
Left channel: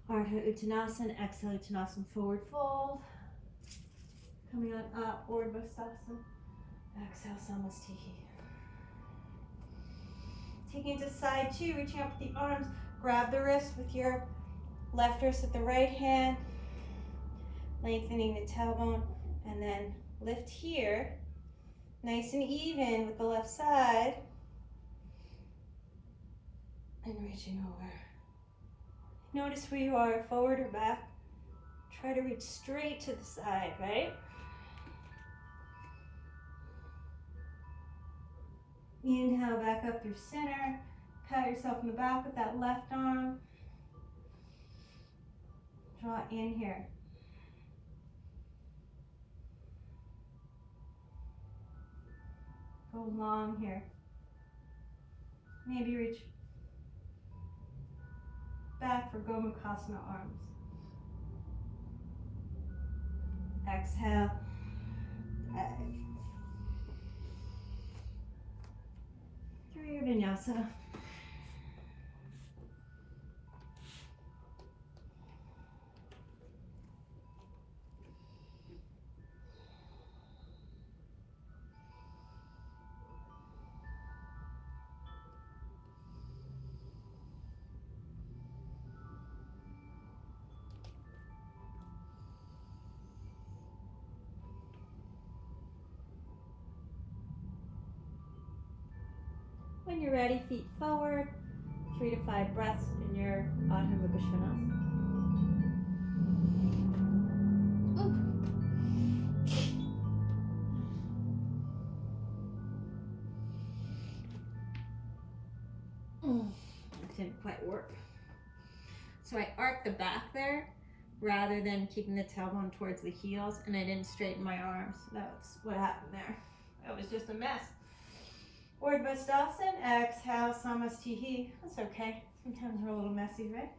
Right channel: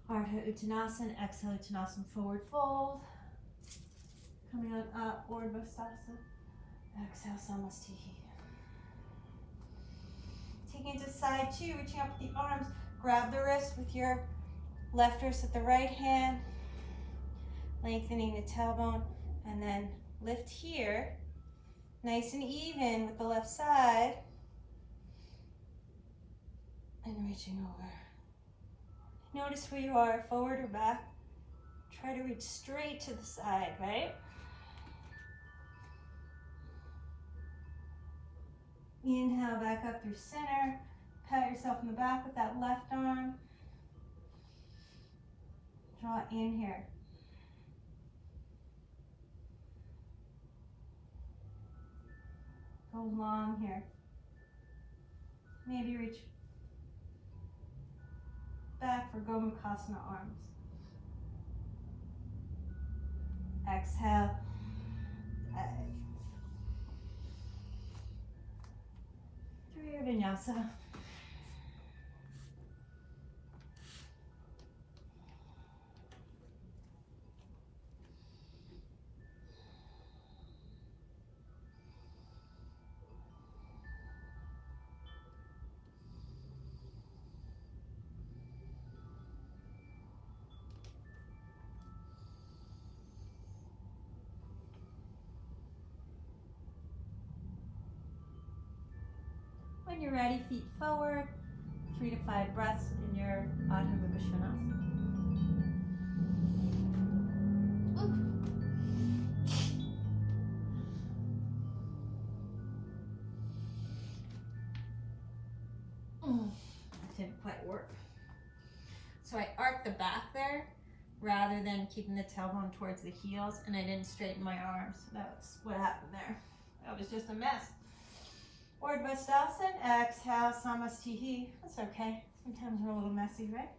Ardha Uttanasana, exhale Uttanasana, forward fold. Coming on up, Urdhva Stasana. Exhale, Samastihi. Taking it to side two, reaching up with the arms. Grab the wrist with your left wrist at the right hand. Lengthening the tailbone. And then lift here. Nice and even with the left side. And reaching over. Notice where you are, forward or back. Try to reach straight to the side, right? Inhale, back up through center. Pat yourself in the back with that left arm. Draw in here. Go long here. Maybe reach back for Gomukhasana arms. Exhale. Through your vinyasa. When you're ready, feet forward, 3 to 5 breaths in your Ardha Mukha Svanasana. It didn't quite work. So I arced the back there rather than keeping the tailbone towards the heels, and I didn't straighten my arms. That's what happened there. It was just a mess. Urdhva exhale, Samasthihi. That's okay. Sometimes we're a little messy, right?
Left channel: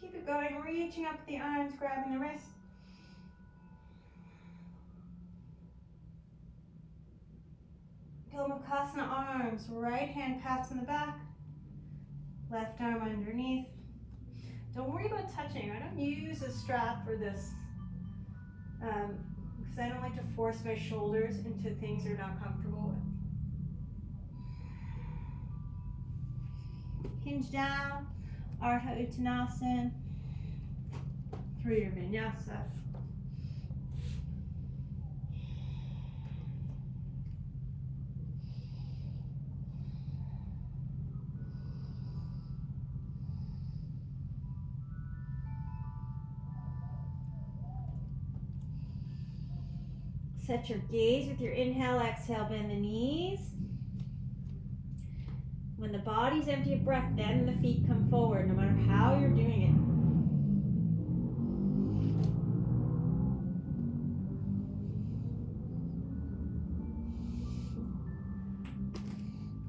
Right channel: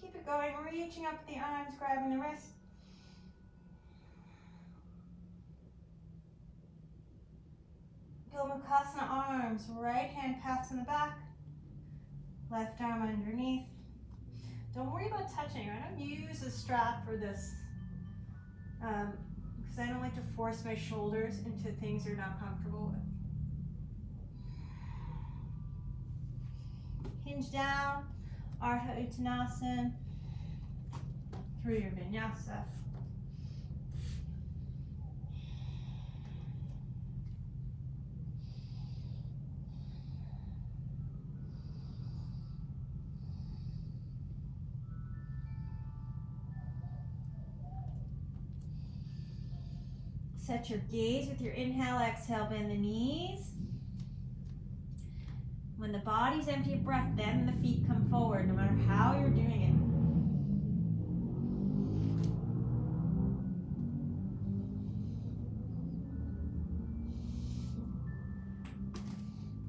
Keep it going, reaching up with the arms, grabbing the wrist. Gomukhasana arms, right hand pats in the back, left arm underneath. Don't worry about touching. I don't use a strap for this because I don't like to force my shoulders into things they're not comfortable with. Hinge down, Ardha Uttanasana, through your vinyasa. Set your gaze with your inhale, exhale, bend the knees. When the body's empty of breath, then the feet come forward, no matter how you're doing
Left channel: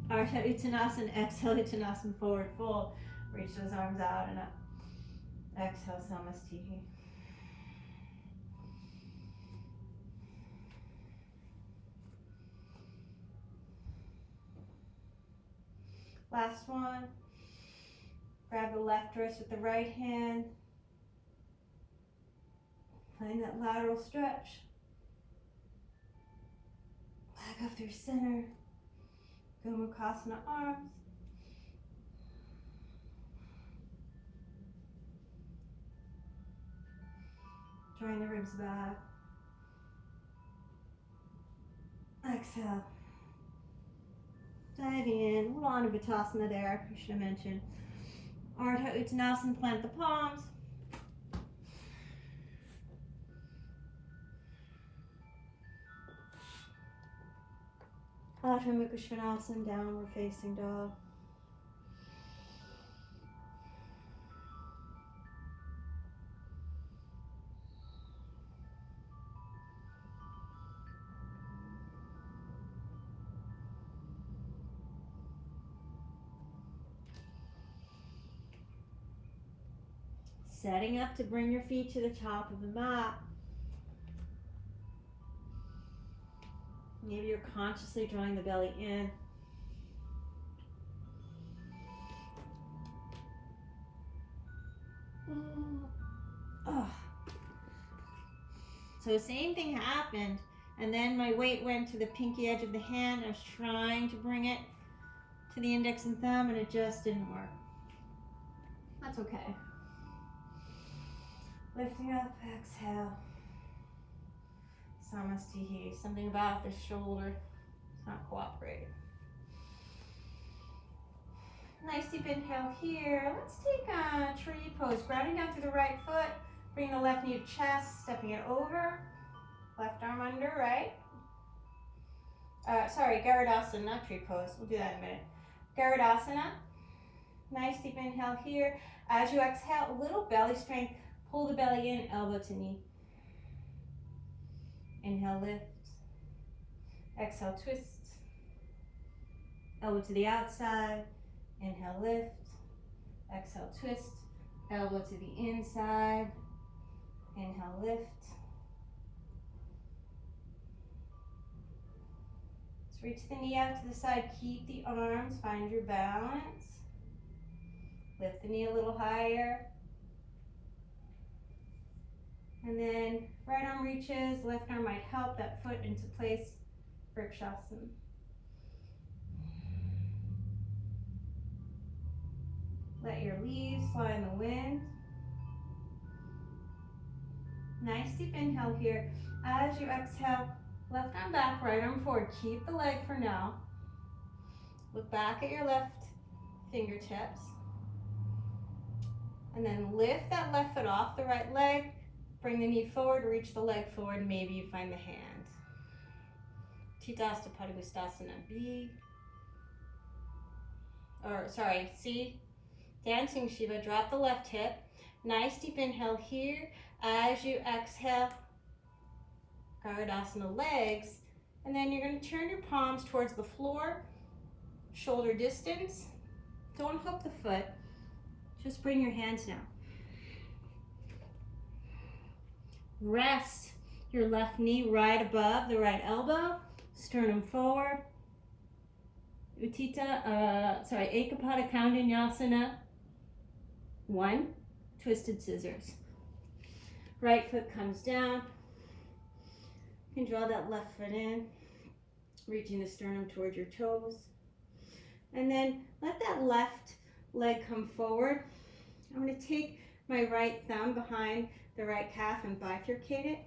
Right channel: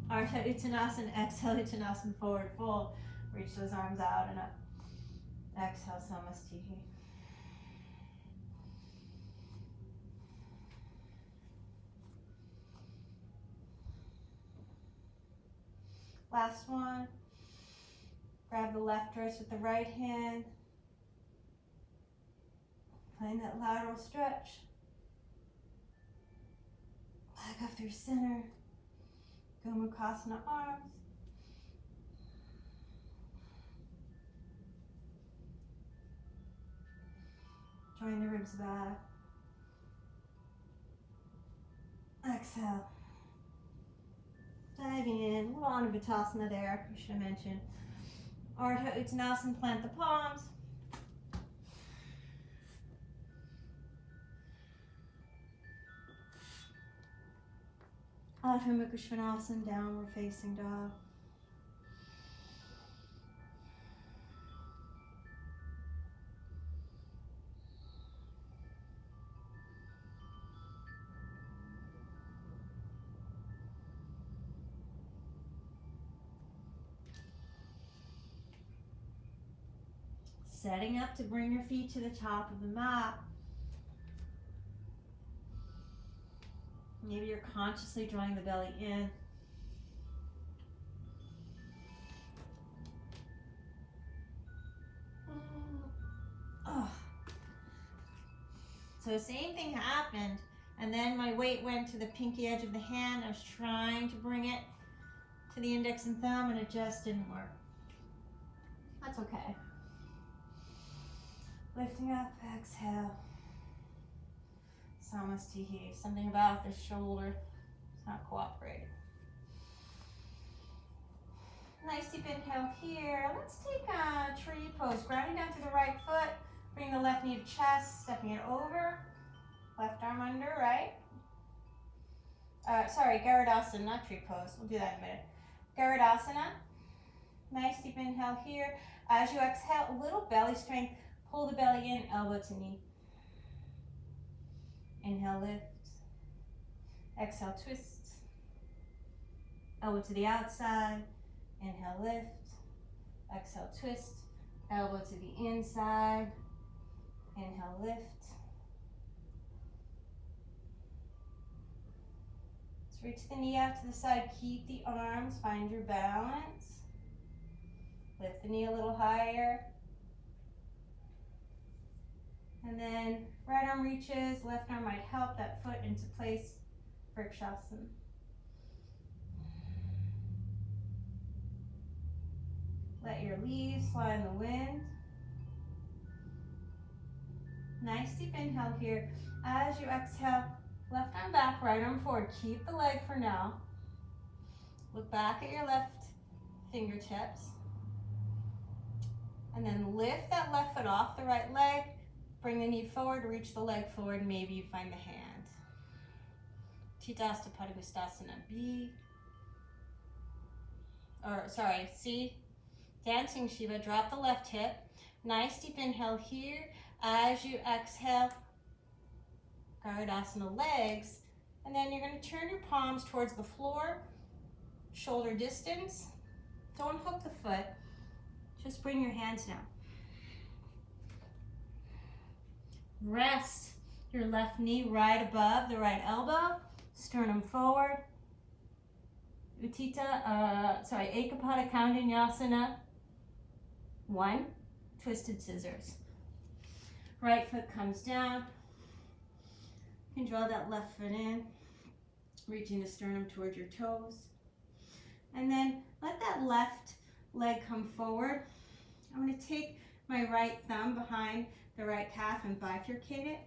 it. Ardha Uttanasana, exhale Uttanasana, forward fold. Reach those arms out and up. Exhale, Samasthihi. Last one. Grab the left wrist with the right hand. Find that lateral stretch. Back up through center. Gomukhasana arms. Drawing the ribs back. Exhale. Dive in. A little Anapatasana there, I should have mentioned. Ardha Uttanasana, plant the palms. Adho Mukha Svanasana, downward facing dog. Setting up to bring your feet to the top of the mat. Maybe you're consciously drawing the belly in. Oh. So same thing happened, and then my weight went to the pinky edge of the hand. I was trying to bring it to the index and thumb, and it just didn't work. That's okay. Lifting up, exhale. Samasthihi. Something about the shoulder is not cooperating. Nice deep inhale here. Let's take a tree pose. Grounding down through the right foot. Bring the left knee to chest, stepping it over. Left arm under, right? Sorry, Garudasana, not tree pose. We'll do that in a minute. Garudasana. Nice deep inhale here. As you exhale, a little belly strength. Pull the belly in, elbow to knee. Inhale, lift. Exhale, twist. Elbow to the outside. Inhale, lift. Exhale, twist. Elbow to the inside. Inhale, lift. Let's reach the knee out to the side. Keep the arms. Find your balance. Lift the knee a little higher. And then right arm reaches, left arm might help that foot into place, Vrikshasana. Let your leaves fly in the wind. Nice deep inhale here. As you exhale, left arm back, right arm forward. Keep the leg for now. Look back at your left fingertips. And then lift that left foot off the right leg. Bring the knee forward, reach the leg forward, maybe you find the hand. Titasta Padangustasana B. C. Dancing Shiva, drop the left hip. Nice deep inhale here. As you exhale, Garudasana legs, And then you're going to turn your palms towards the floor, shoulder distance. Don't hook the foot, just bring your hands down. Rest your left knee right above the right elbow, sternum forward. Kapotasana. 1, twisted scissors. Right foot comes down. You can draw that left foot in, reaching the sternum towards your toes. And then let that left leg come forward. I'm going to take my right thumb behind the right calf and bifurcate it.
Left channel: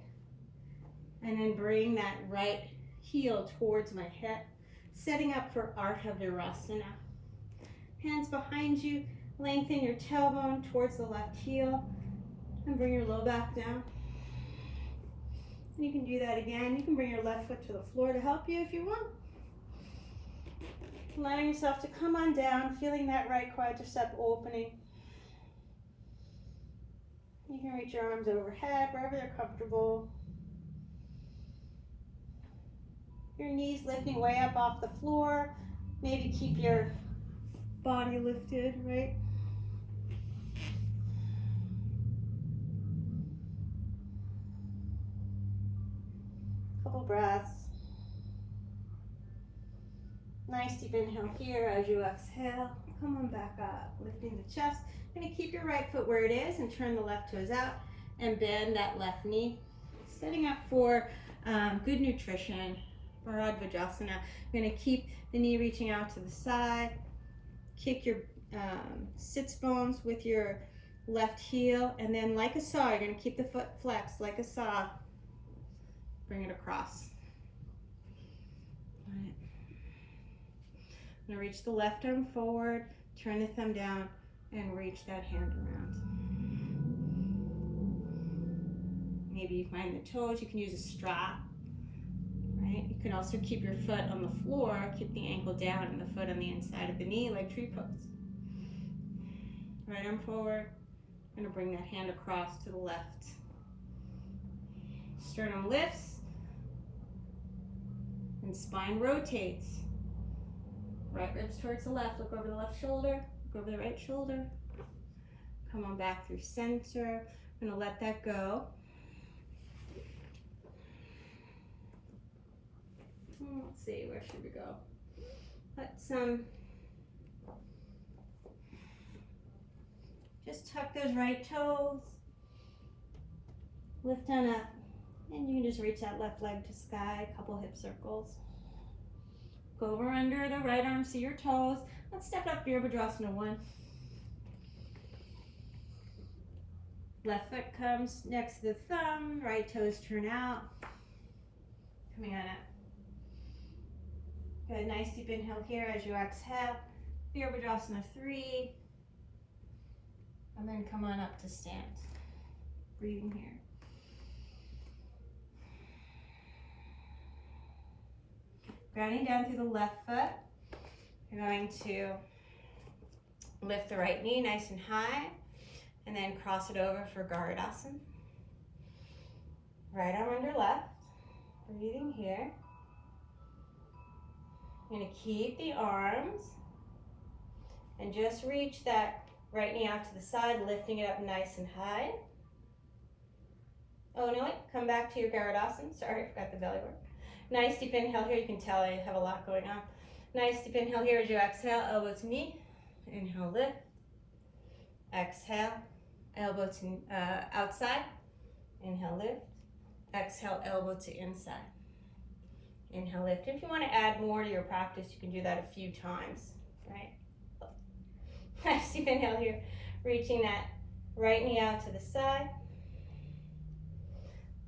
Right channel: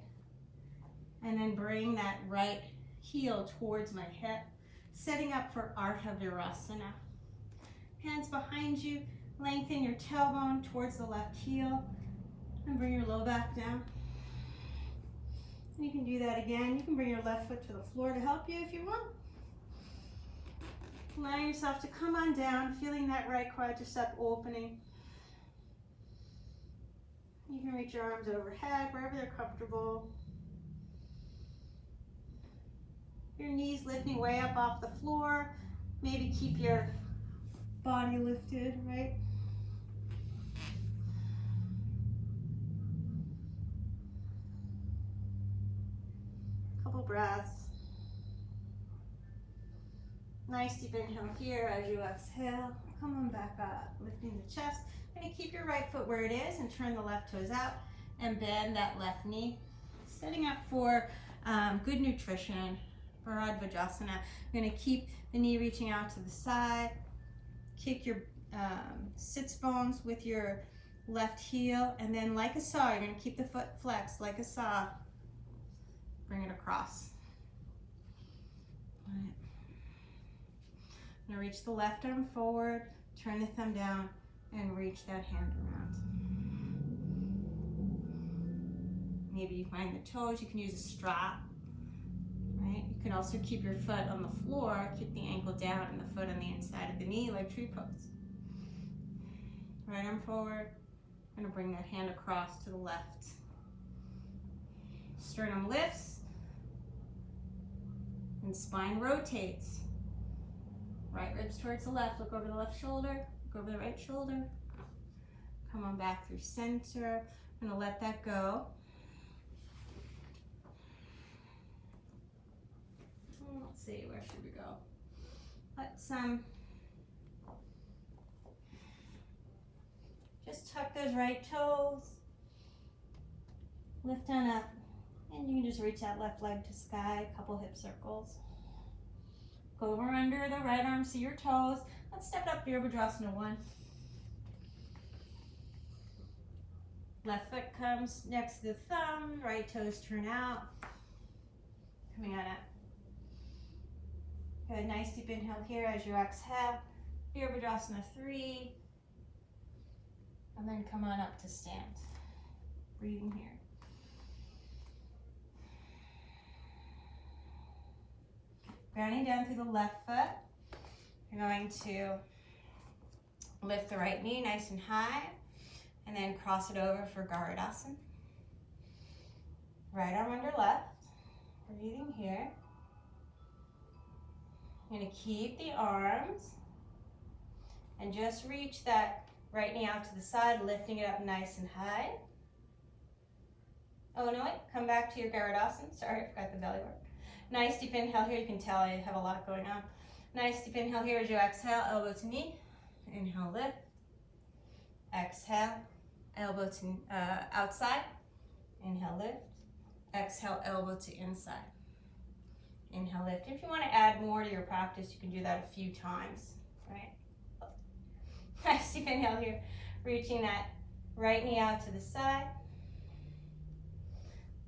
And then bring that right heel towards my hip, setting up for Arthavirasana. Hands behind you, lengthen your tailbone towards the left heel, and bring your low back down. And you can do that again. You can bring your left foot to the floor to help you if you want. Allowing yourself to come on down, feeling that right quadricep opening. You can reach your arms overhead, wherever they're comfortable. Your knees lifting way up off the floor. Maybe keep your body lifted, right? Couple breaths. Nice deep inhale here as you exhale. Come on back up, lifting the chest. You're going to keep your right foot where it is and turn the left toes out and bend that left knee. Setting up for good nutrition. Rajakapotasana. I'm going to keep the knee reaching out to the side. Kick your sits bones with your left heel, and then like a saw, you're going to keep the foot flexed like a saw. Bring it across. All right. I'm going to reach the left arm forward, turn the thumb down, and reach that hand around. Maybe you find the toes, you can use a strap. Right? You can also keep your foot on the floor, keep the ankle down and the foot on the inside of the knee like tree pose. Right arm forward. I'm going to bring that hand across to the left. Sternum lifts and spine rotates. Right ribs towards the left. Look over the left shoulder. Look over the right shoulder. Come on back through center. I'm going to let that go. Let's see, where should we go? Let's just tuck those right toes. Lift on up. And you can just reach that left leg to sky, a couple hip circles. Go over under the right arm, see your toes. Let's step up Virabhadrasana 1. Left foot comes next to the thumb, right toes turn out. Coming on up. Good, nice deep inhale here as you exhale. Virabhadrasana 3. And then come on up to stand. Breathing here. Grounding down through the left foot. You're going to lift the right knee nice and high. And then cross it over for Garudasana. Right arm under left. Breathing here. You're going to keep the arms and just reach that right knee out to the side, lifting it up nice and high. Oh no, wait, come back to your Garudasana. Sorry, I forgot the belly work. Nice deep inhale here. You can tell I have a lot going on. Nice deep inhale here as you exhale, elbow to knee. Inhale, lift. Exhale, elbow to outside. Inhale, lift. Exhale, elbow to inside. Inhale, lift. If you want to add more to your practice, you can do that a few times, right? Nice deep inhale here, reaching that right knee out to the side.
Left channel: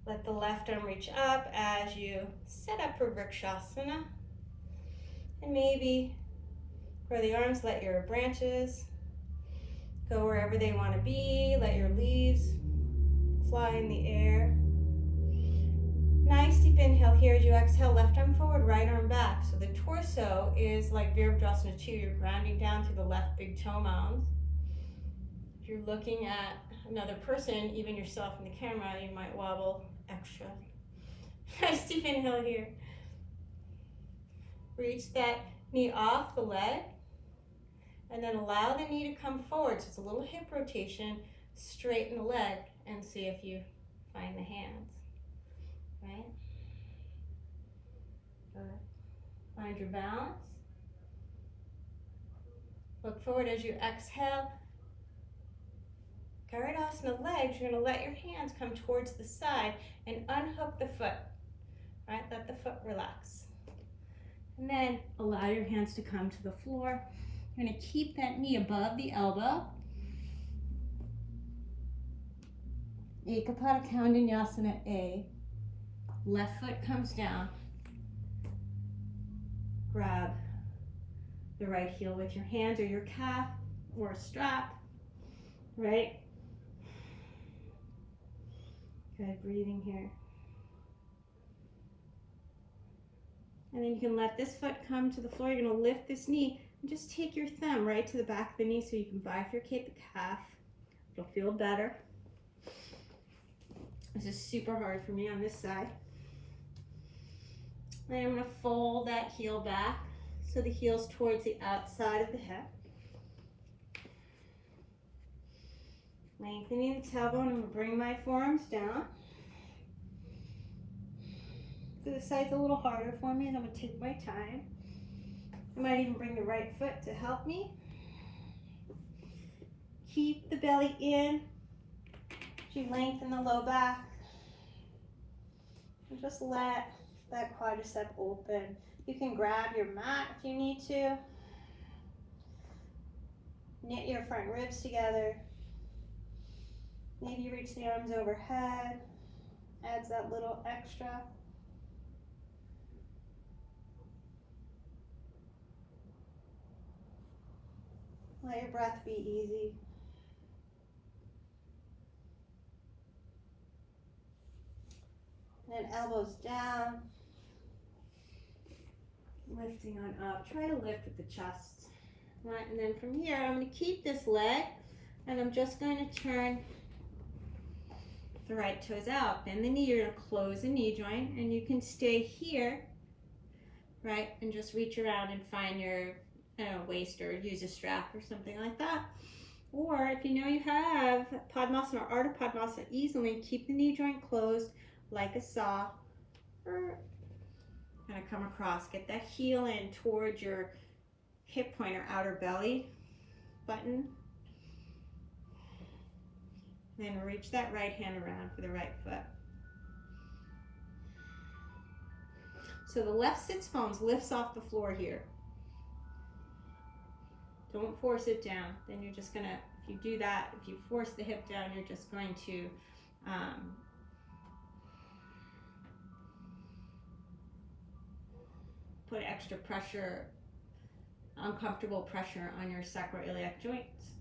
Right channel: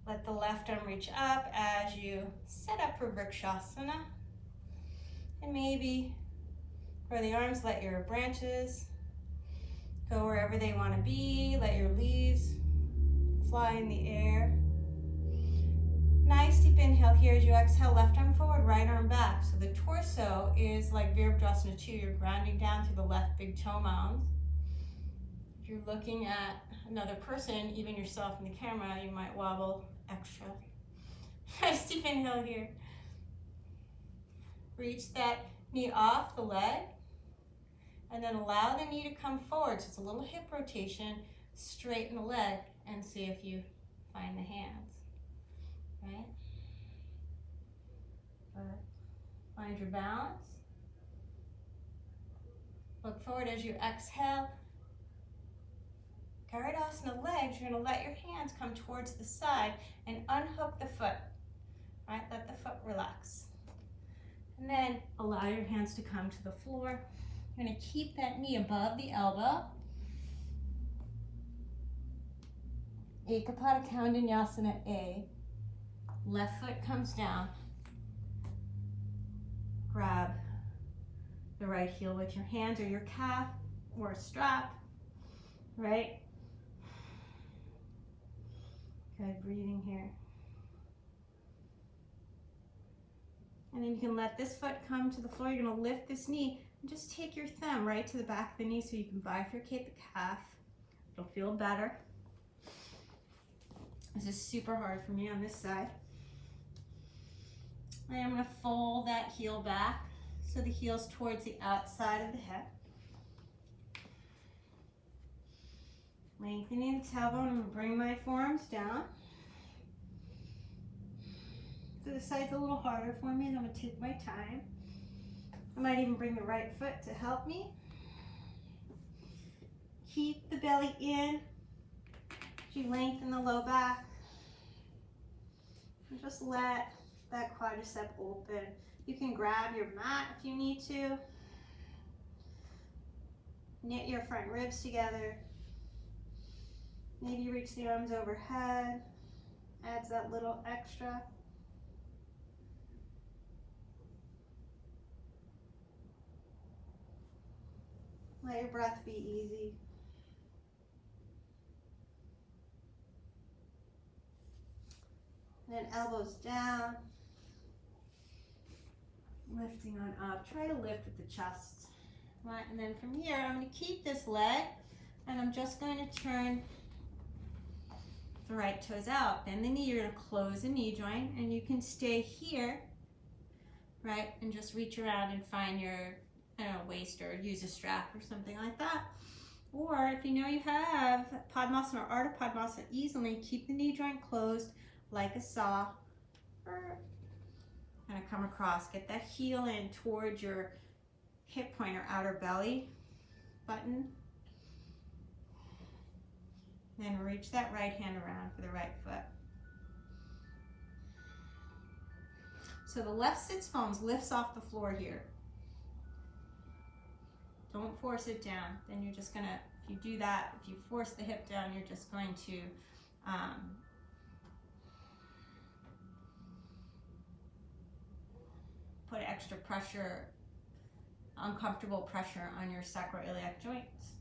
Let the left arm reach up as you set up for Vrikshasana. And maybe for the arms, let your branches go wherever they want to be. Let your leaves fly in the air. Nice deep inhale here as you exhale, left arm forward, right arm back. So the torso is like Virabhadrasana 2. You're grounding down through the left big toe mound. If you're looking at another person, even yourself in the camera, you might wobble extra. Nice deep inhale here. Reach that knee off the leg, and then allow the knee to come forward. So it's a little hip rotation, straighten the leg, and see if you find the hands, right? Good. Find your balance. Look forward as you exhale. Kapotasana legs, you're going to let your hands come towards the side and unhook the foot, right? Let the foot relax. And then allow your hands to come to the floor. You're going to keep that knee above the elbow. Kapotasana A. Left foot comes down. Grab the right heel with your hands or your calf or a strap, right? Good, breathing here. And then you can let this foot come to the floor. You're going to lift this knee and just take your thumb right to the back of the knee so you can bifurcate the calf. It'll feel better. This is super hard for me on this side. And I'm going to fold that heel back so the heel's towards the outside of the hip. Lengthening the tailbone, I'm going to bring my forearms down. So the side's a little harder for me, and I'm going to take my time. I might even bring the right foot to help me. Keep the belly in as you lengthen the low back. And just let that quadricep open. You can grab your mat if you need to. Knit your front ribs together. Maybe reach the arms overhead. Adds that little extra. Let your breath be easy. And then elbows down. Lifting on up. Try to lift with the chest. Right, and then from here, I'm going to keep this leg, and I'm just going to turn the right toes out. Bend the knee. You're going to close the knee joint, and you can stay here, right, and just reach around and find your, I don't know, waist or use a strap or something like that. Or if you know you have Padmasana or Ardha Padmasana easily, keep the knee joint closed like a saw. Kind of come across, get that heel in towards your hip point or outer belly button. Then reach that right hand around for the right foot. So the left sits bones lifts off the floor here. Don't force it down. Then you're just gonna, if you do that, if you force the hip down, you're just going to put extra pressure, uncomfortable pressure on your sacroiliac joints,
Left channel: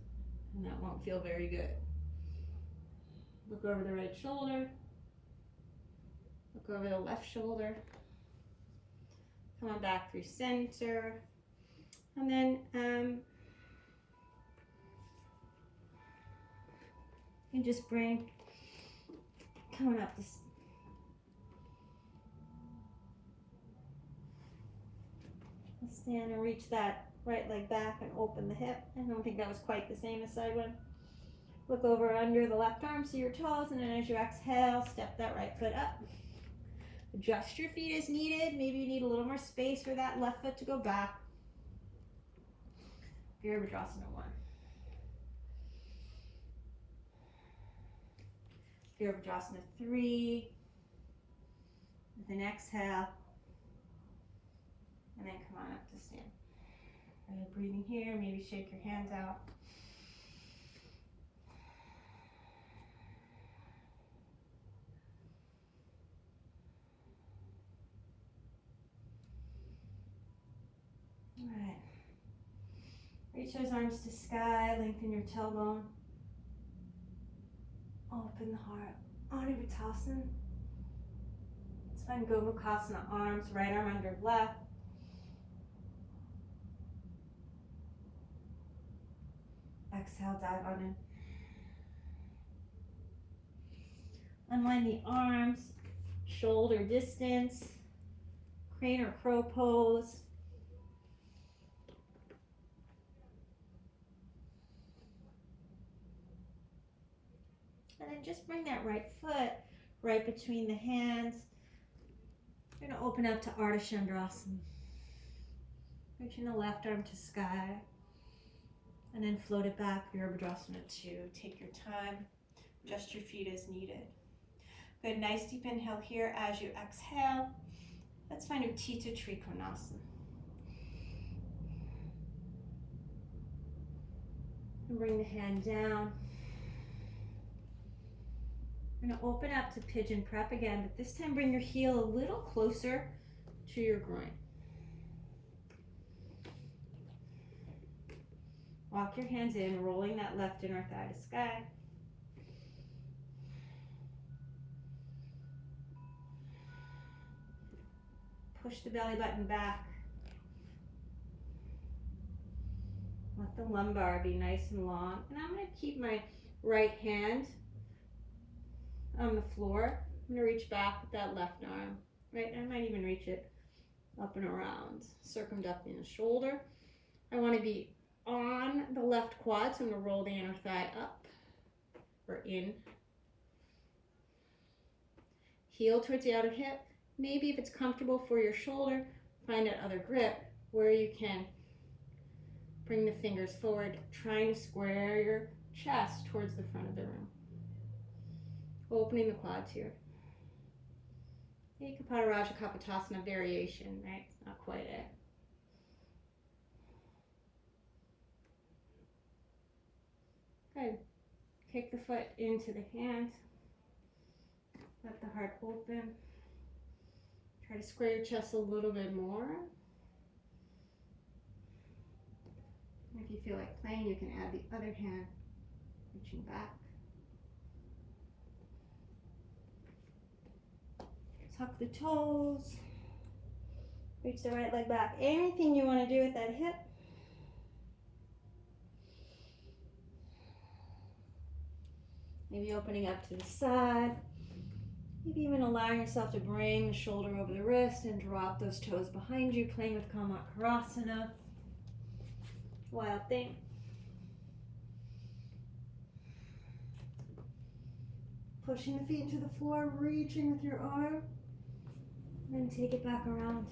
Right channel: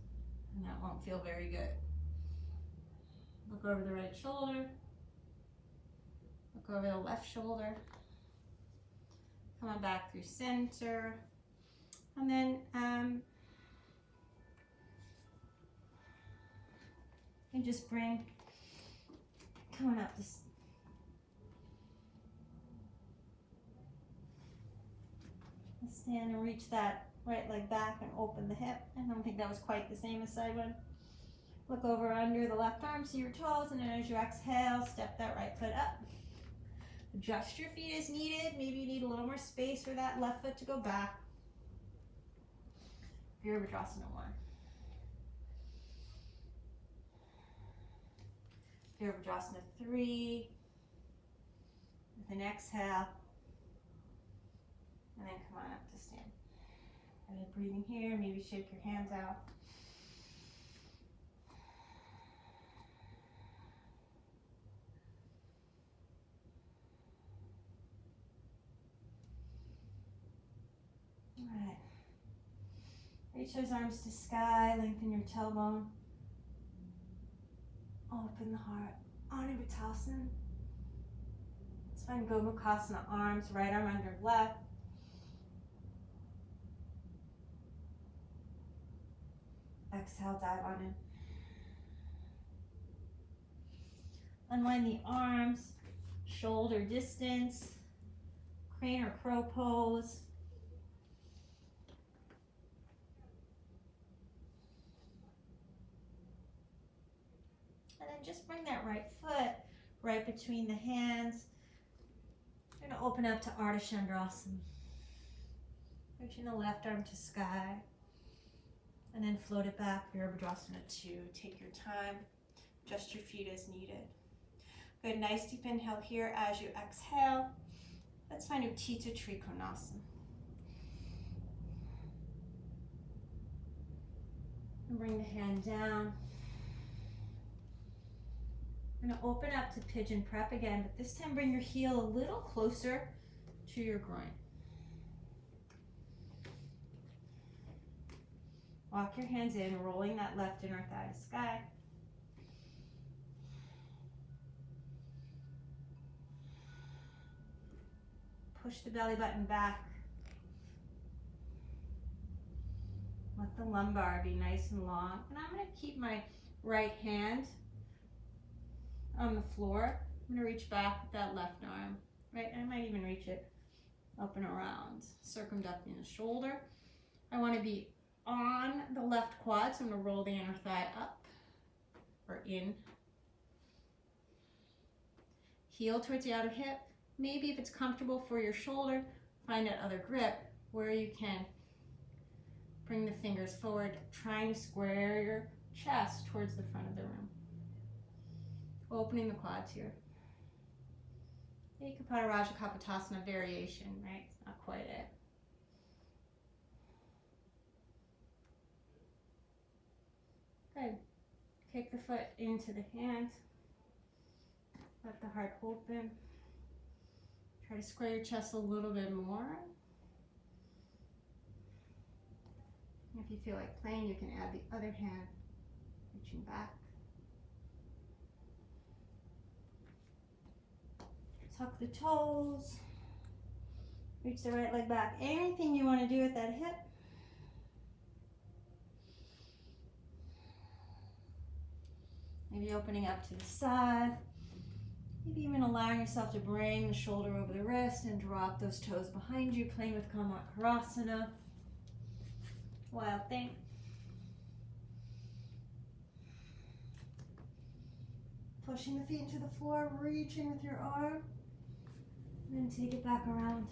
and that won't feel very good. Look over the right shoulder, look over the left shoulder, come on back through center, and then you just bring, coming up this, stand and reach that right leg back and open the hip. I don't think that was quite the same as side one. Look over under the left arm, see your toes, and then as you exhale, step that right foot up. Adjust your feet as needed. Maybe you need a little more space for that left foot to go back. Virabhadrasana 1. Virabhadrasana 3. With an exhale. And then come on up to stand. And then breathing here, maybe shake your hands out. All right. Reach those arms to sky, lengthen your tailbone. Open the heart. Anapatasana. Let's find Gomukhasana arms, right arm under left. Exhale, dive on in. Unwind the arms, shoulder distance, crane or crow pose. And then just bring that right foot right between the hands. You're going to open up to Ardha Chandrasana. Reaching the left arm to sky. And then float it back, Virabhadrasana 2. Take your time. Adjust your feet as needed. Good, nice deep inhale here as you exhale. Let's find Utthita Trikonasana. And bring the hand down. I'm going to open up to pigeon prep again, but this time bring your heel a little closer to your groin. Walk your hands in, rolling that left inner thigh to sky. Push the belly button back. Let the lumbar be nice and long. And I'm going to keep my right hand on the floor. I'm going to reach back with that left arm. Right, I might even reach it up and around, circumducting the shoulder. I want to be on the left quad, so I'm going to roll the inner thigh up or in. Heel towards the outer hip. Maybe if it's comfortable for your shoulder, find that other grip where you can bring the fingers forward, trying to square your chest towards the front of the room. Opening the quads here. Rajakapotasana variation, right? It's not quite it. Good. Kick the foot into the hand. Let the heart open. Try to square your chest a little bit more. If you feel like playing, you can add the other hand, reaching back. Tuck the toes. Reach the right leg back. Anything you want to do with that hip. Maybe opening up to the side. Maybe even allowing yourself to bring the shoulder over the wrist and drop those toes behind you, playing with Kapotasana. Wild thing. Pushing the feet into the floor, reaching with your arm, and then take it back around.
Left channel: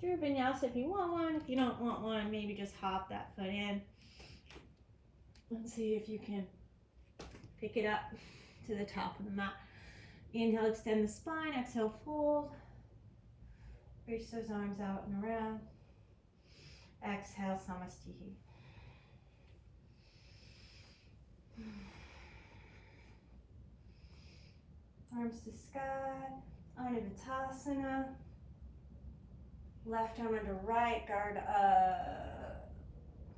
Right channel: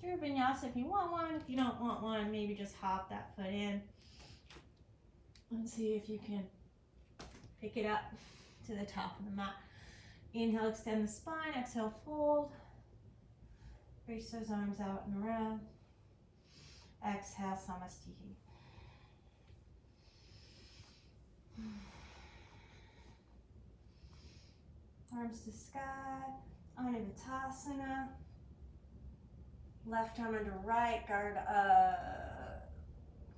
Do your vinyasa if you want one. If you don't want one, maybe just hop that foot in and see if you can pick it up to the top of the mat. Inhale, extend the spine. Exhale, fold. Reach those arms out and around. Exhale, Samastihi. Arms to sky. Anavitasana. Left arm under right.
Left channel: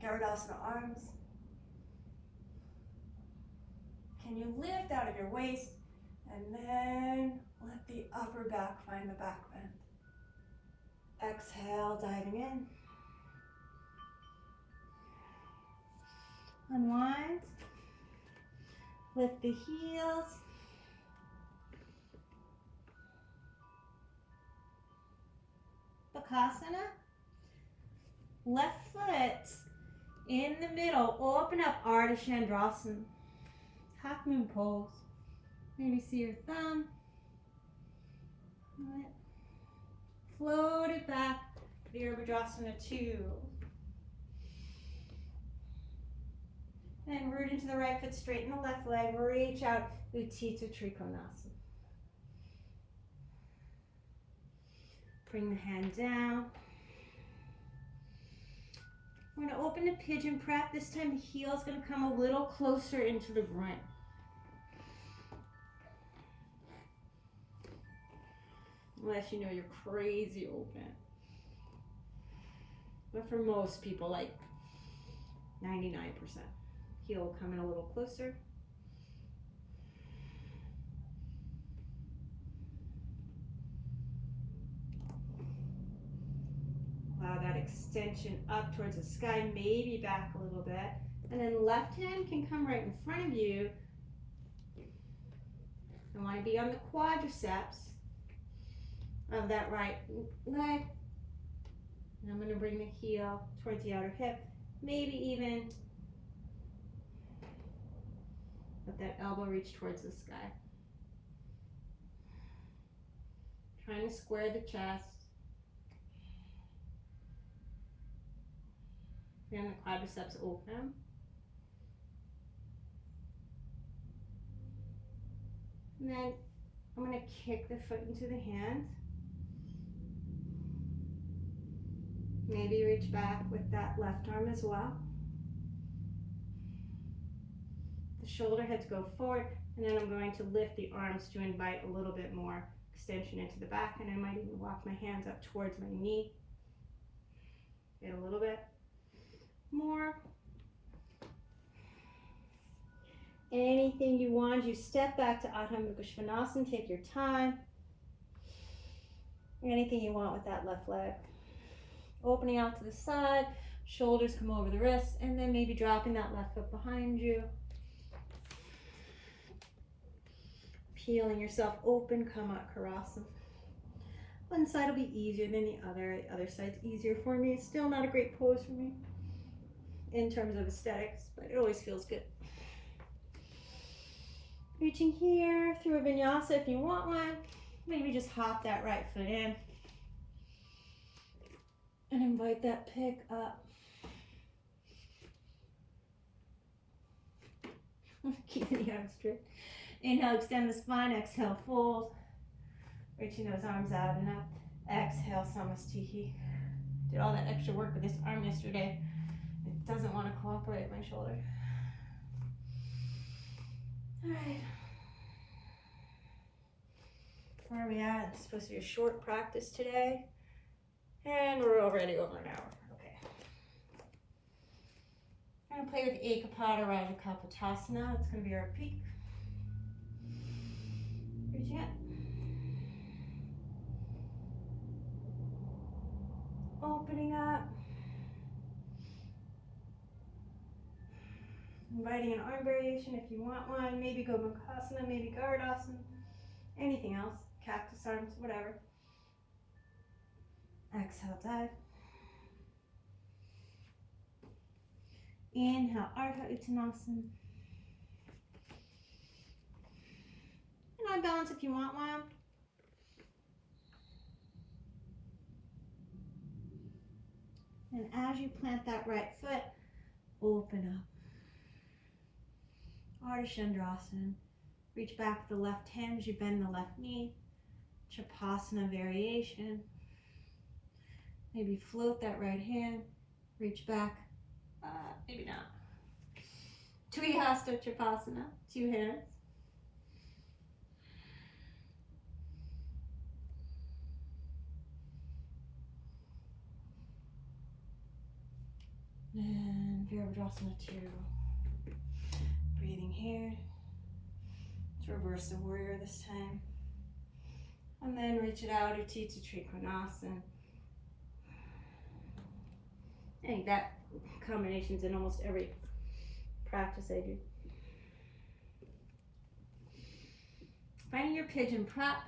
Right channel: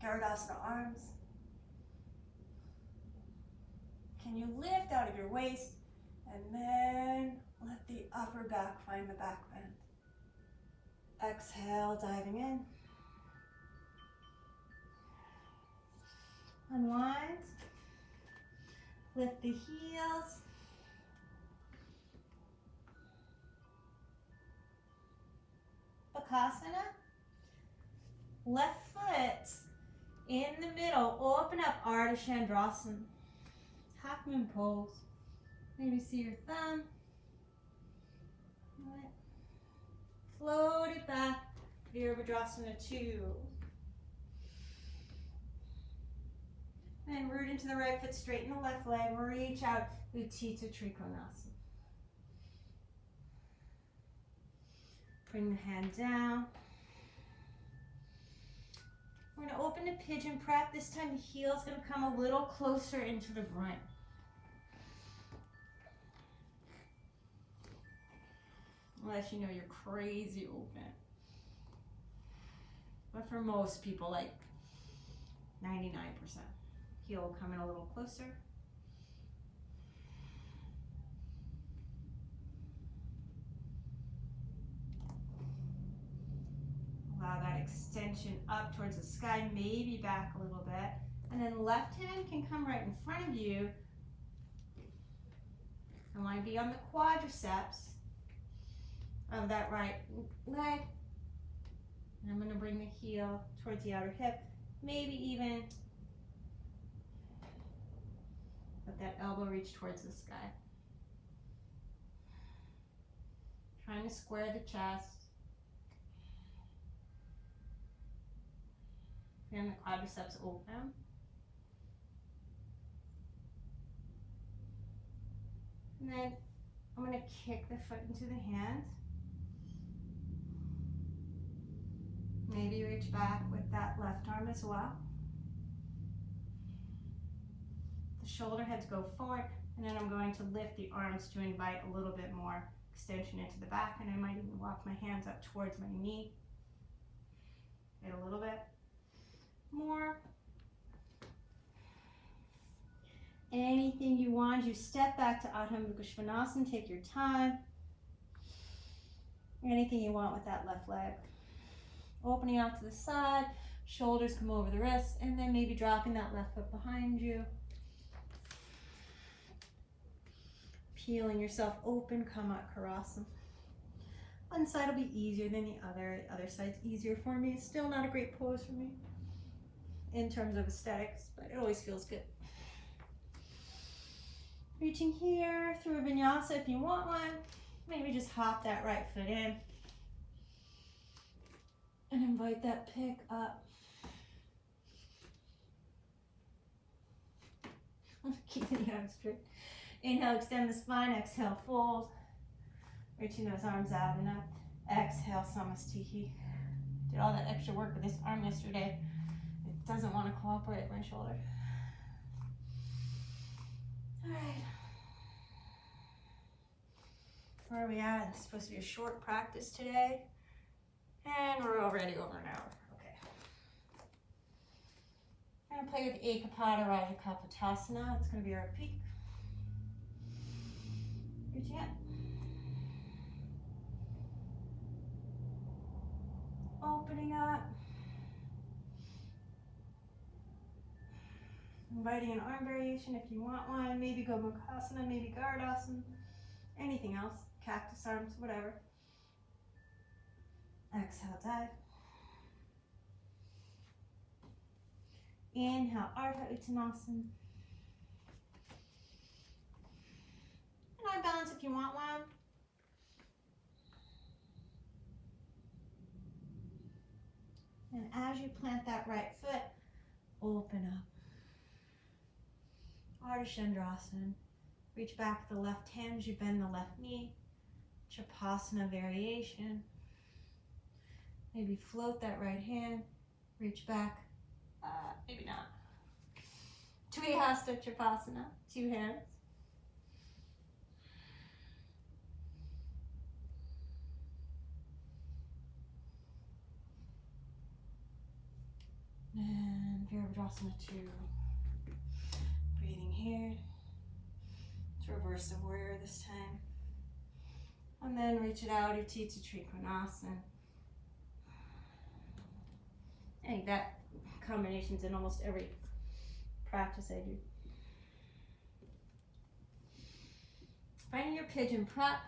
Garudasana arms. Can you lift out of your waist and then let the upper back find the back bend. Exhale, diving in. Unwind. Lift the heels. Bakasana. Left foot in the middle. Open up Ardha Chandrasana. Half moon pose. Maybe see your thumb. Float it back. Virabhadrasana 2. And root into the right foot, straighten the left leg, reach out, Utthita Trikonasana. Bring the hand down. We're going to open the pigeon prep. This time the heel is going to come a little closer into the groin. Unless you know you're crazy open. But for most people, like 99%. Heel will come in a little closer. Allow that extension up towards the sky, maybe back a little bit. And then left hand can come right in front of you. I want to be on the quadriceps of that right leg. And I'm going to bring the heel towards the outer hip, maybe even Let that elbow reach towards the sky. Trying to square the chest. And the quadriceps open. And then I'm going to kick the foot into the hand. Maybe reach back with that left arm as well. The shoulder heads go forward, and then I'm going to lift the arms to invite a little bit more extension into the back, and I might even walk my hands up towards my knee. Get a little bit more. Anything you want, you step back to Adho Mukha Svanasana, take your time. Anything you want with that left leg. Opening out to the side, shoulders come over the wrists, and then maybe dropping that left foot behind you. Peeling yourself open, Kapotasana. One side will be easier than the other side's easier for me. It's still not a great pose for me in terms of aesthetics, but it always feels good. Reaching here through a vinyasa if you want one. Maybe just hop that right foot in and invite that pick up. Keeping the arms straight. Inhale, extend the spine. Exhale, fold. Reaching those arms out and up. Exhale, Samastiki. Did all that extra work with this arm yesterday. It doesn't want to cooperate with my shoulder. All right. Where are we at? It's supposed to be a short practice today. And we're already over an hour. Okay. I'm going to play with Ekapata Rajakapotasana. It's going to be our peak. Reaching up. Opening up. Inviting an arm variation if you want one. Maybe Gobukasana, maybe Garudasana. Anything else. Cactus arms, whatever. Exhale, dive. Inhale, Ardha Uttanasana. And on balance if you want one. And as you plant that right foot, open up. Ardha Chandrasana. Reach back with the left hand as you bend the left knee. Chapasana variation. Maybe float that right hand. Reach back. Maybe not. Tvihasta Chapasana. 2 hands. And Virabhadrasana 2. Breathing here. Let's reverse the warrior this time. And then reach it out, Utthita Trikonasana. I think that combination's in almost every practice I do. Finding your pigeon prep.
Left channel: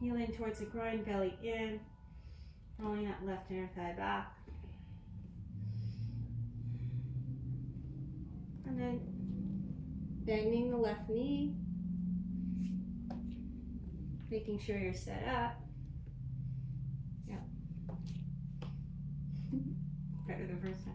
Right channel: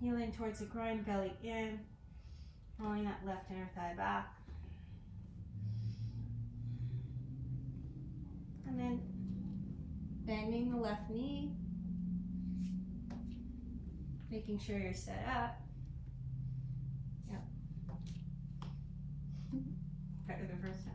Heeling towards the groin, belly in. Rolling that left inner thigh back. And then bending the left knee. Making sure you're set up. Yep. Better the first time.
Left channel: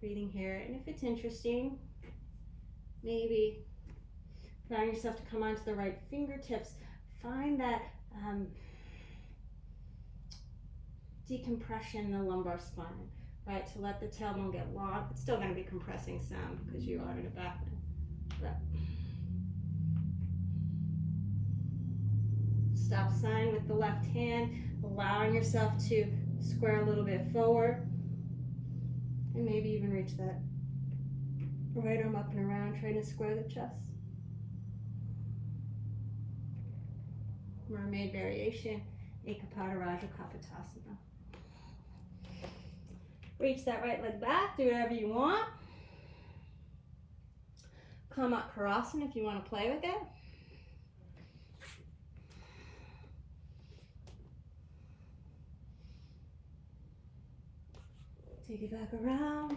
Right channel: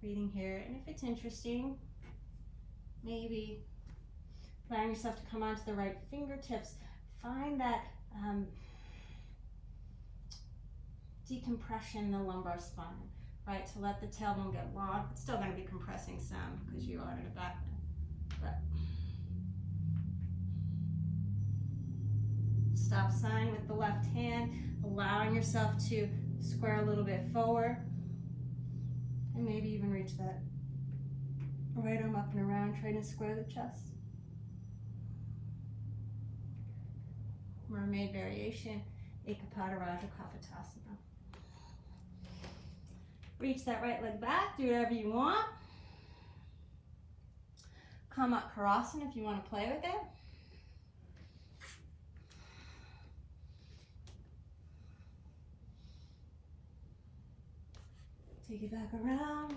Breathing here, and if it's interesting, maybe allowing yourself to come onto the right fingertips. Find that decompression in the lumbar spine, right? So let the tailbone get long. It's still going to be compressing some because you are in a back bend. But stop sign with the left hand, allowing yourself to square a little bit forward. And maybe even reach that right arm up and around, trying to square the chest. Mermaid variation, Ekapata Rajakapotasana. Reach that right leg back, do whatever you want. Kapotasana if you want to play with it. Take it back around.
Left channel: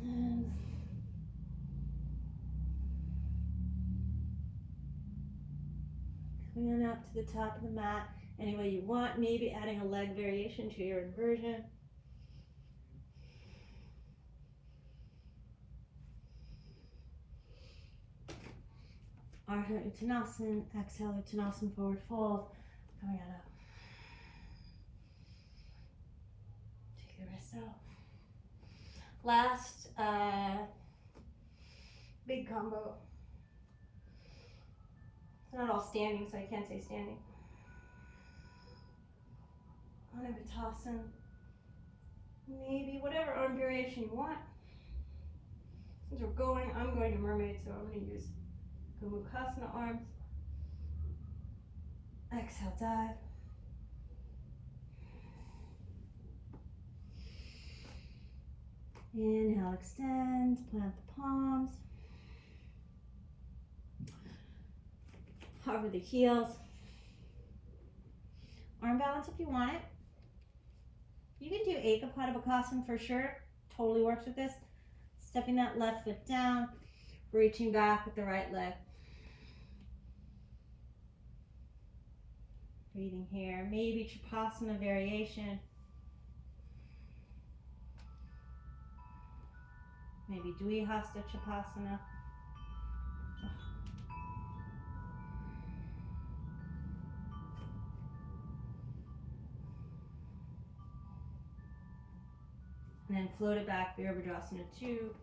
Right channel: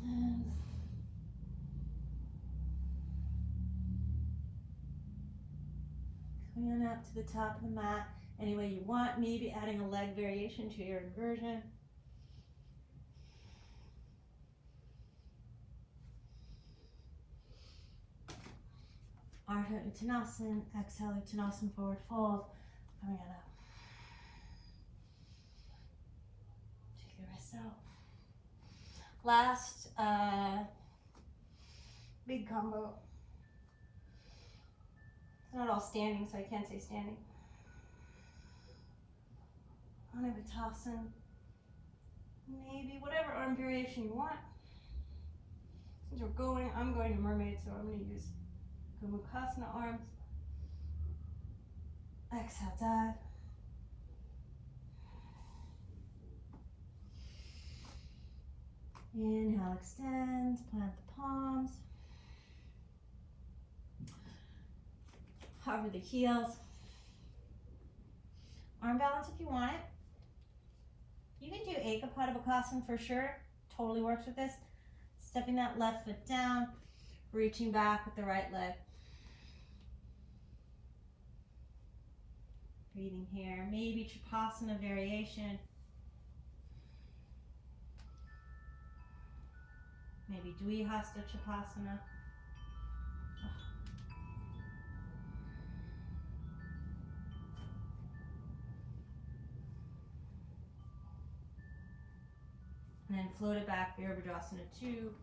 And coming on up to the top of the mat any way you want, maybe adding a leg variation to your inversion. Ardha Uttanasana, exhale Uttanasana, forward fold, coming on up. Take the rest out. Last big combo. It's not all standing, so I can't say standing. Kapotasana, maybe whatever arm variation you want. Since I'm going to Mermaid, so I'm going to use Kapotasana arms. Exhale, dive. Inhale, extend, plant the palms. Hover the heels. Arm balance if you want it. You can do Kapotasana for sure. Totally works with this. Stepping that left foot down, reaching back with the right leg. Breathing here. Maybe Chapasana variation. Maybe Dvihasta Chapasana. And then float it back, Virabhadrasana 2.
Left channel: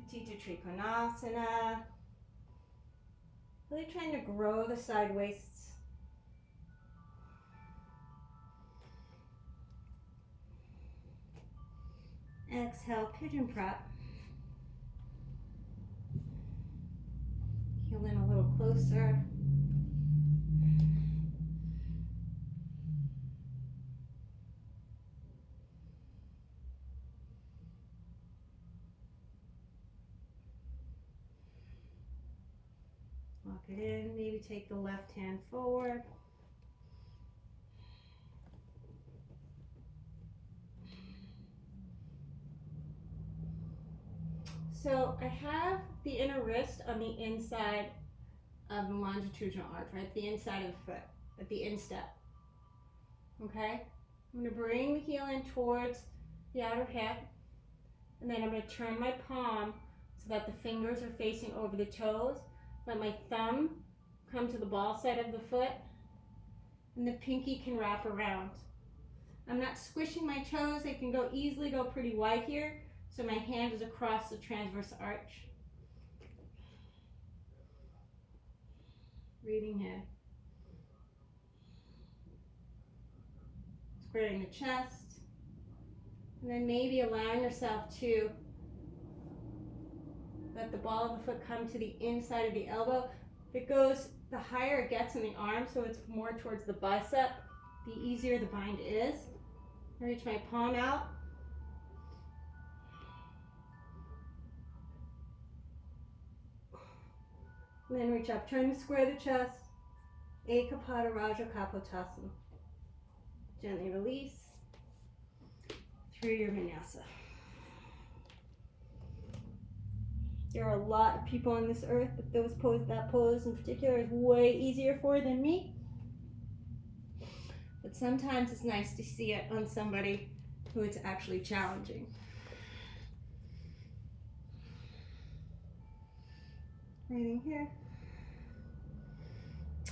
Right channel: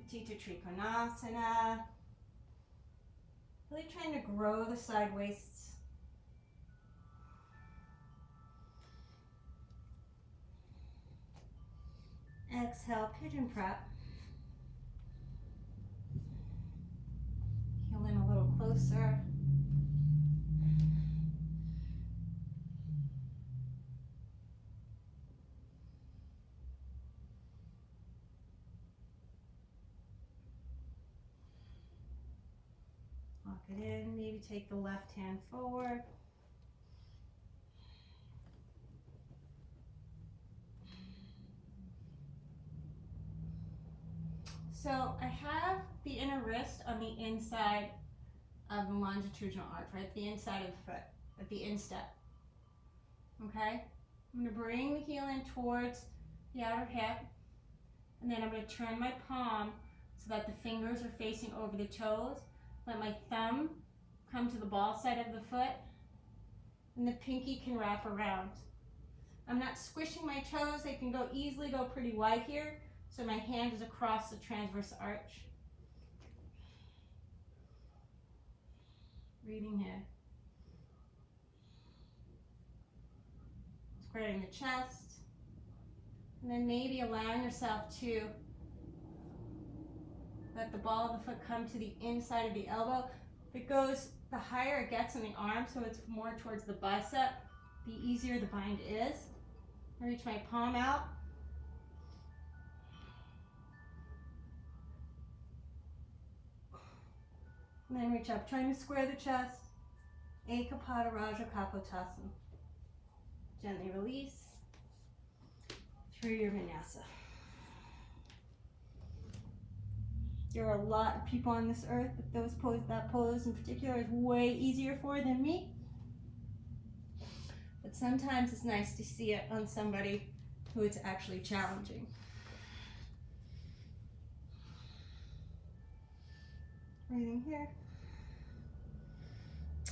Utthita Trikonasana. Really trying to grow the side waists. Exhale, pigeon prep. Heel in a little closer. Lock it in, maybe take the left hand forward. So I have the inner wrist on the inside of the longitudinal arch, right? The inside of the foot, at the instep. Okay? I'm going to bring the heel in towards the outer hip, and then I'm going to turn my palm so that the fingers are facing over the toes. Let my thumb come to the ball side of the foot, and the pinky can wrap around. I'm not squishing my toes. They can easily go pretty wide here. So my hand is across the transverse arch. Breathing here. Squaring the chest. And then maybe allowing yourself to let the ball of the foot come to the inside of the elbow. If it goes, the higher it gets in the arm, so it's more towards the bicep, the easier the bind is. Reach my palm out. And then reach up, trying to square the chest. Ekapata rajakapotasana. Gently release through your vinyasa. There are a lot of people on this earth, but that pose in particular is way easier for than me. But sometimes it's nice to see it on somebody who it's actually challenging. Breathing here.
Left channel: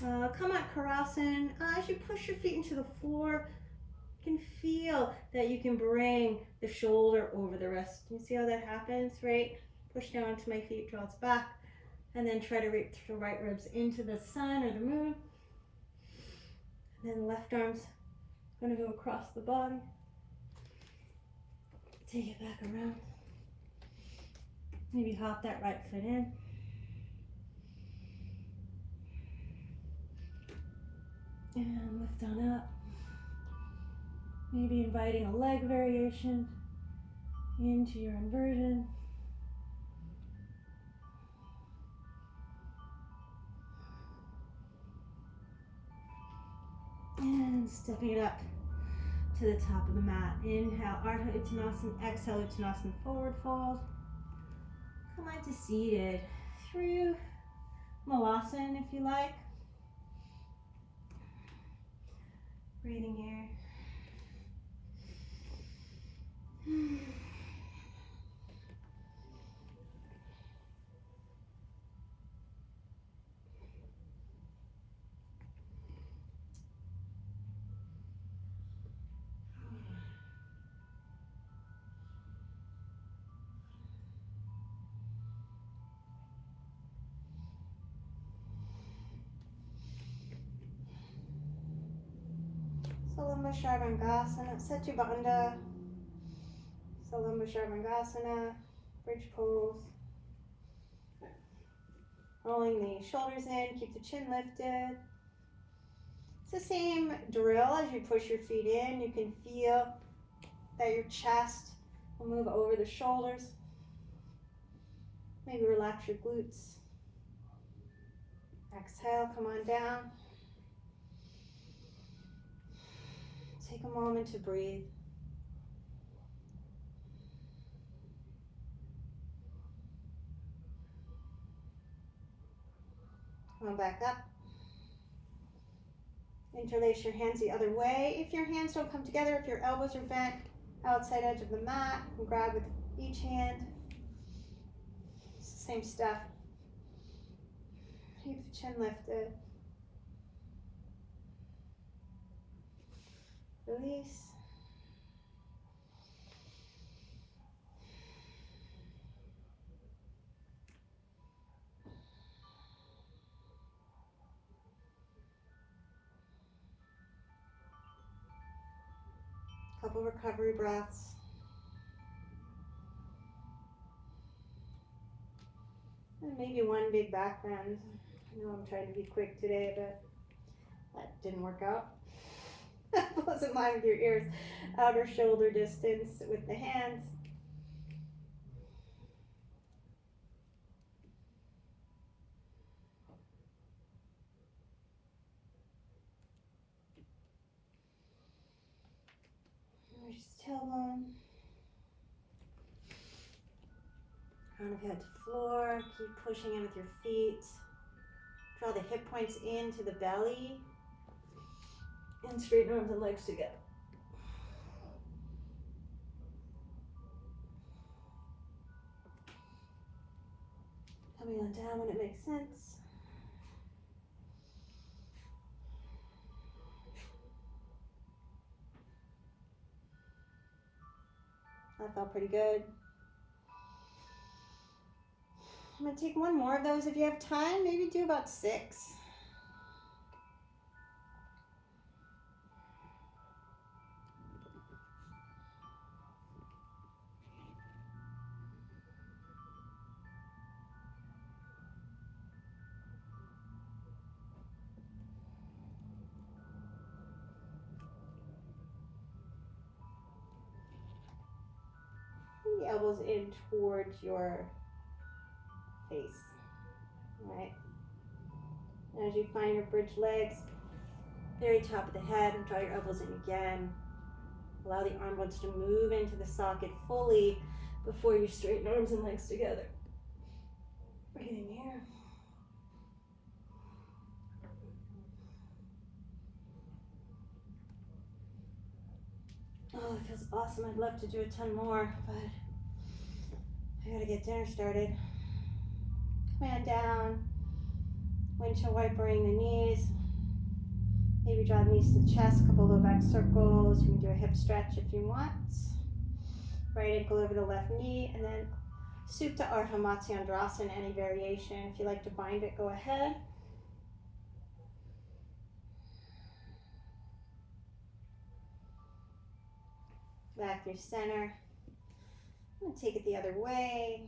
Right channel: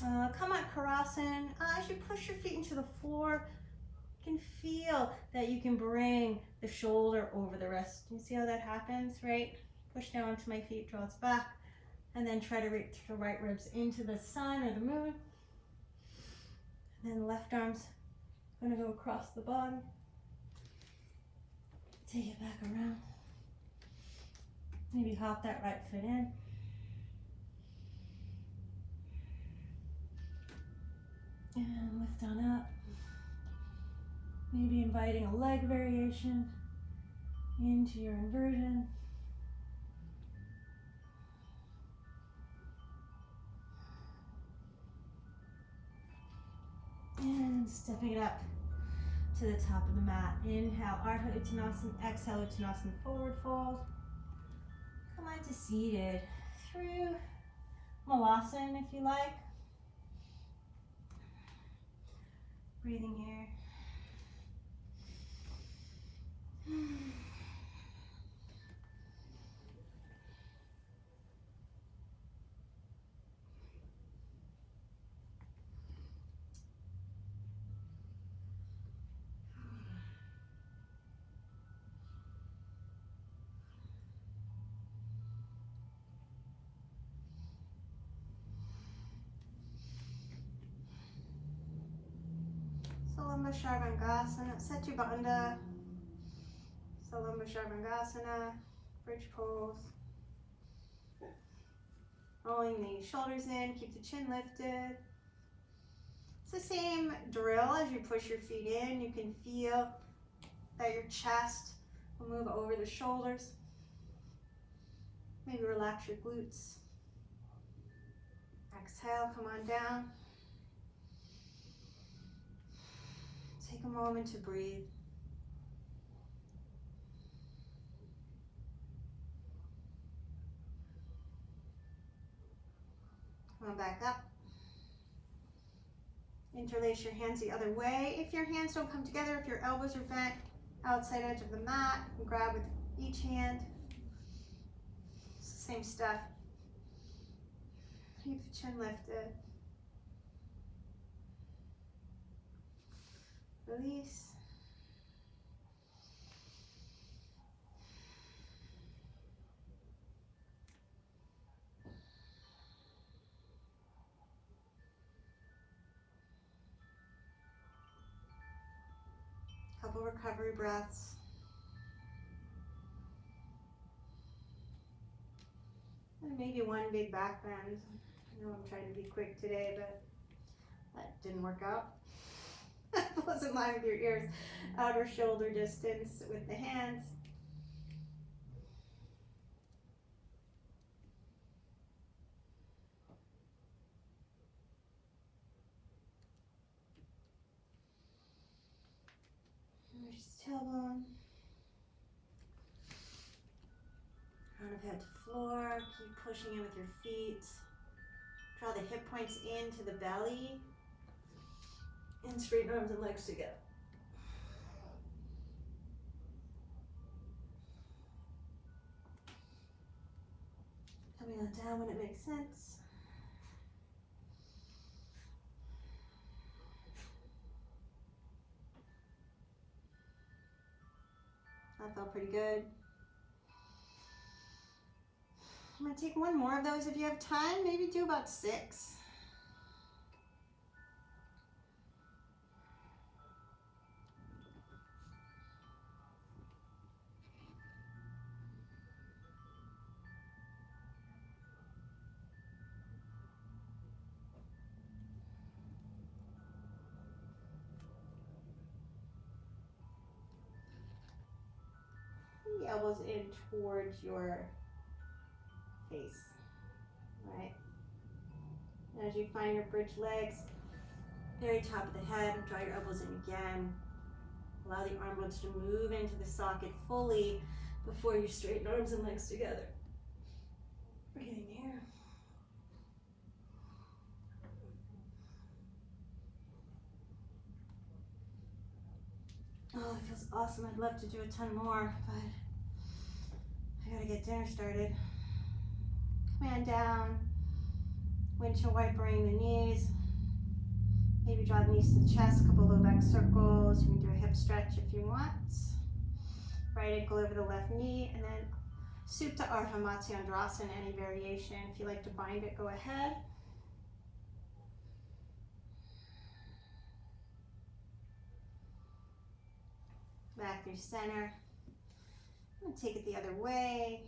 Kapotasana. As you push your feet into the floor, you can feel that you can bring the shoulder over the wrist. You see how that happens, right? Push down onto my feet, draw it back, and then try to reach the right ribs into the sun or the moon. And then left arm's going to go across the body. Take it back around. Maybe hop that right foot in. And lift on up. Maybe inviting a leg variation into your inversion. And stepping up to the top of the mat. Inhale, Ardha Uttanasana. Exhale, Uttanasana, forward fold. Come out to seated through Malasana if you like. Breathing here. Salamasharavangasana, Satyabandha, Salamasharavangasana, bridge pose. Rolling the shoulders in, keep the chin lifted. It's the same drill as you push your feet in. You can feel that your chest will move over the shoulders. Maybe relax your glutes. Exhale, come on down. Take a moment to breathe. Come on back up. Interlace your hands the other way. If your hands don't come together, if your elbows are bent, outside edge of the mat, and grab with each hand. It's the same stuff. Keep the chin lifted. Release. Couple recovery breaths. And maybe one big back bend. I know I'm trying to be quick today, but that didn't work out. That wasn't in line with your ears. Outer shoulder distance with the hands. Just tailbone. Crown of head to floor. Keep pushing in with your feet. Draw the hip points into the belly. And straighten arms and legs together. Coming on down when it makes sense. That felt pretty good. I'm going to take one more of those if you have time. Maybe do about 6. The elbows in towards your face. All right. And as you find your bridge legs, very top of the head, draw your elbows in again. Allow the arm bones to move into the socket fully before you straighten arms and legs together. Breathing here. Oh, it feels awesome. I'd love to do a ton more, but I gotta get dinner started. Come on down. Windshield wipering the knees. Maybe draw the knees to the chest, a couple low back circles. You can do a hip stretch if you want. Right ankle over the left knee, and then Supta Ardha Matsyendrasana, any variation. If you like to bind it, go ahead. Back through center. I'm going to take it the other way.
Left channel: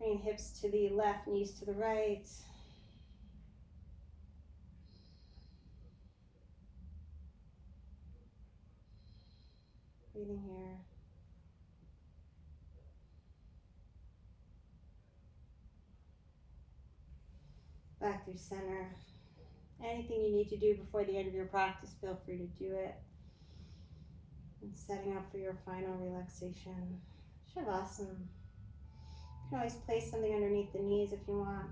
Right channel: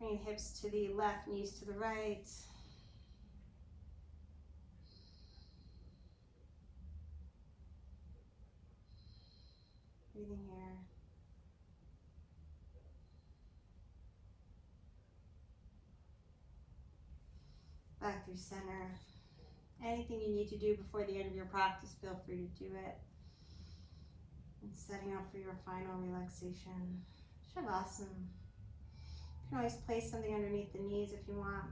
Bringing hips to the left, knees to the right. Breathing here. Back through center. Anything you need to do before the end of your practice, feel free to do it. And setting up for your final relaxation. Shavasana. You can always place something underneath the knees if you want.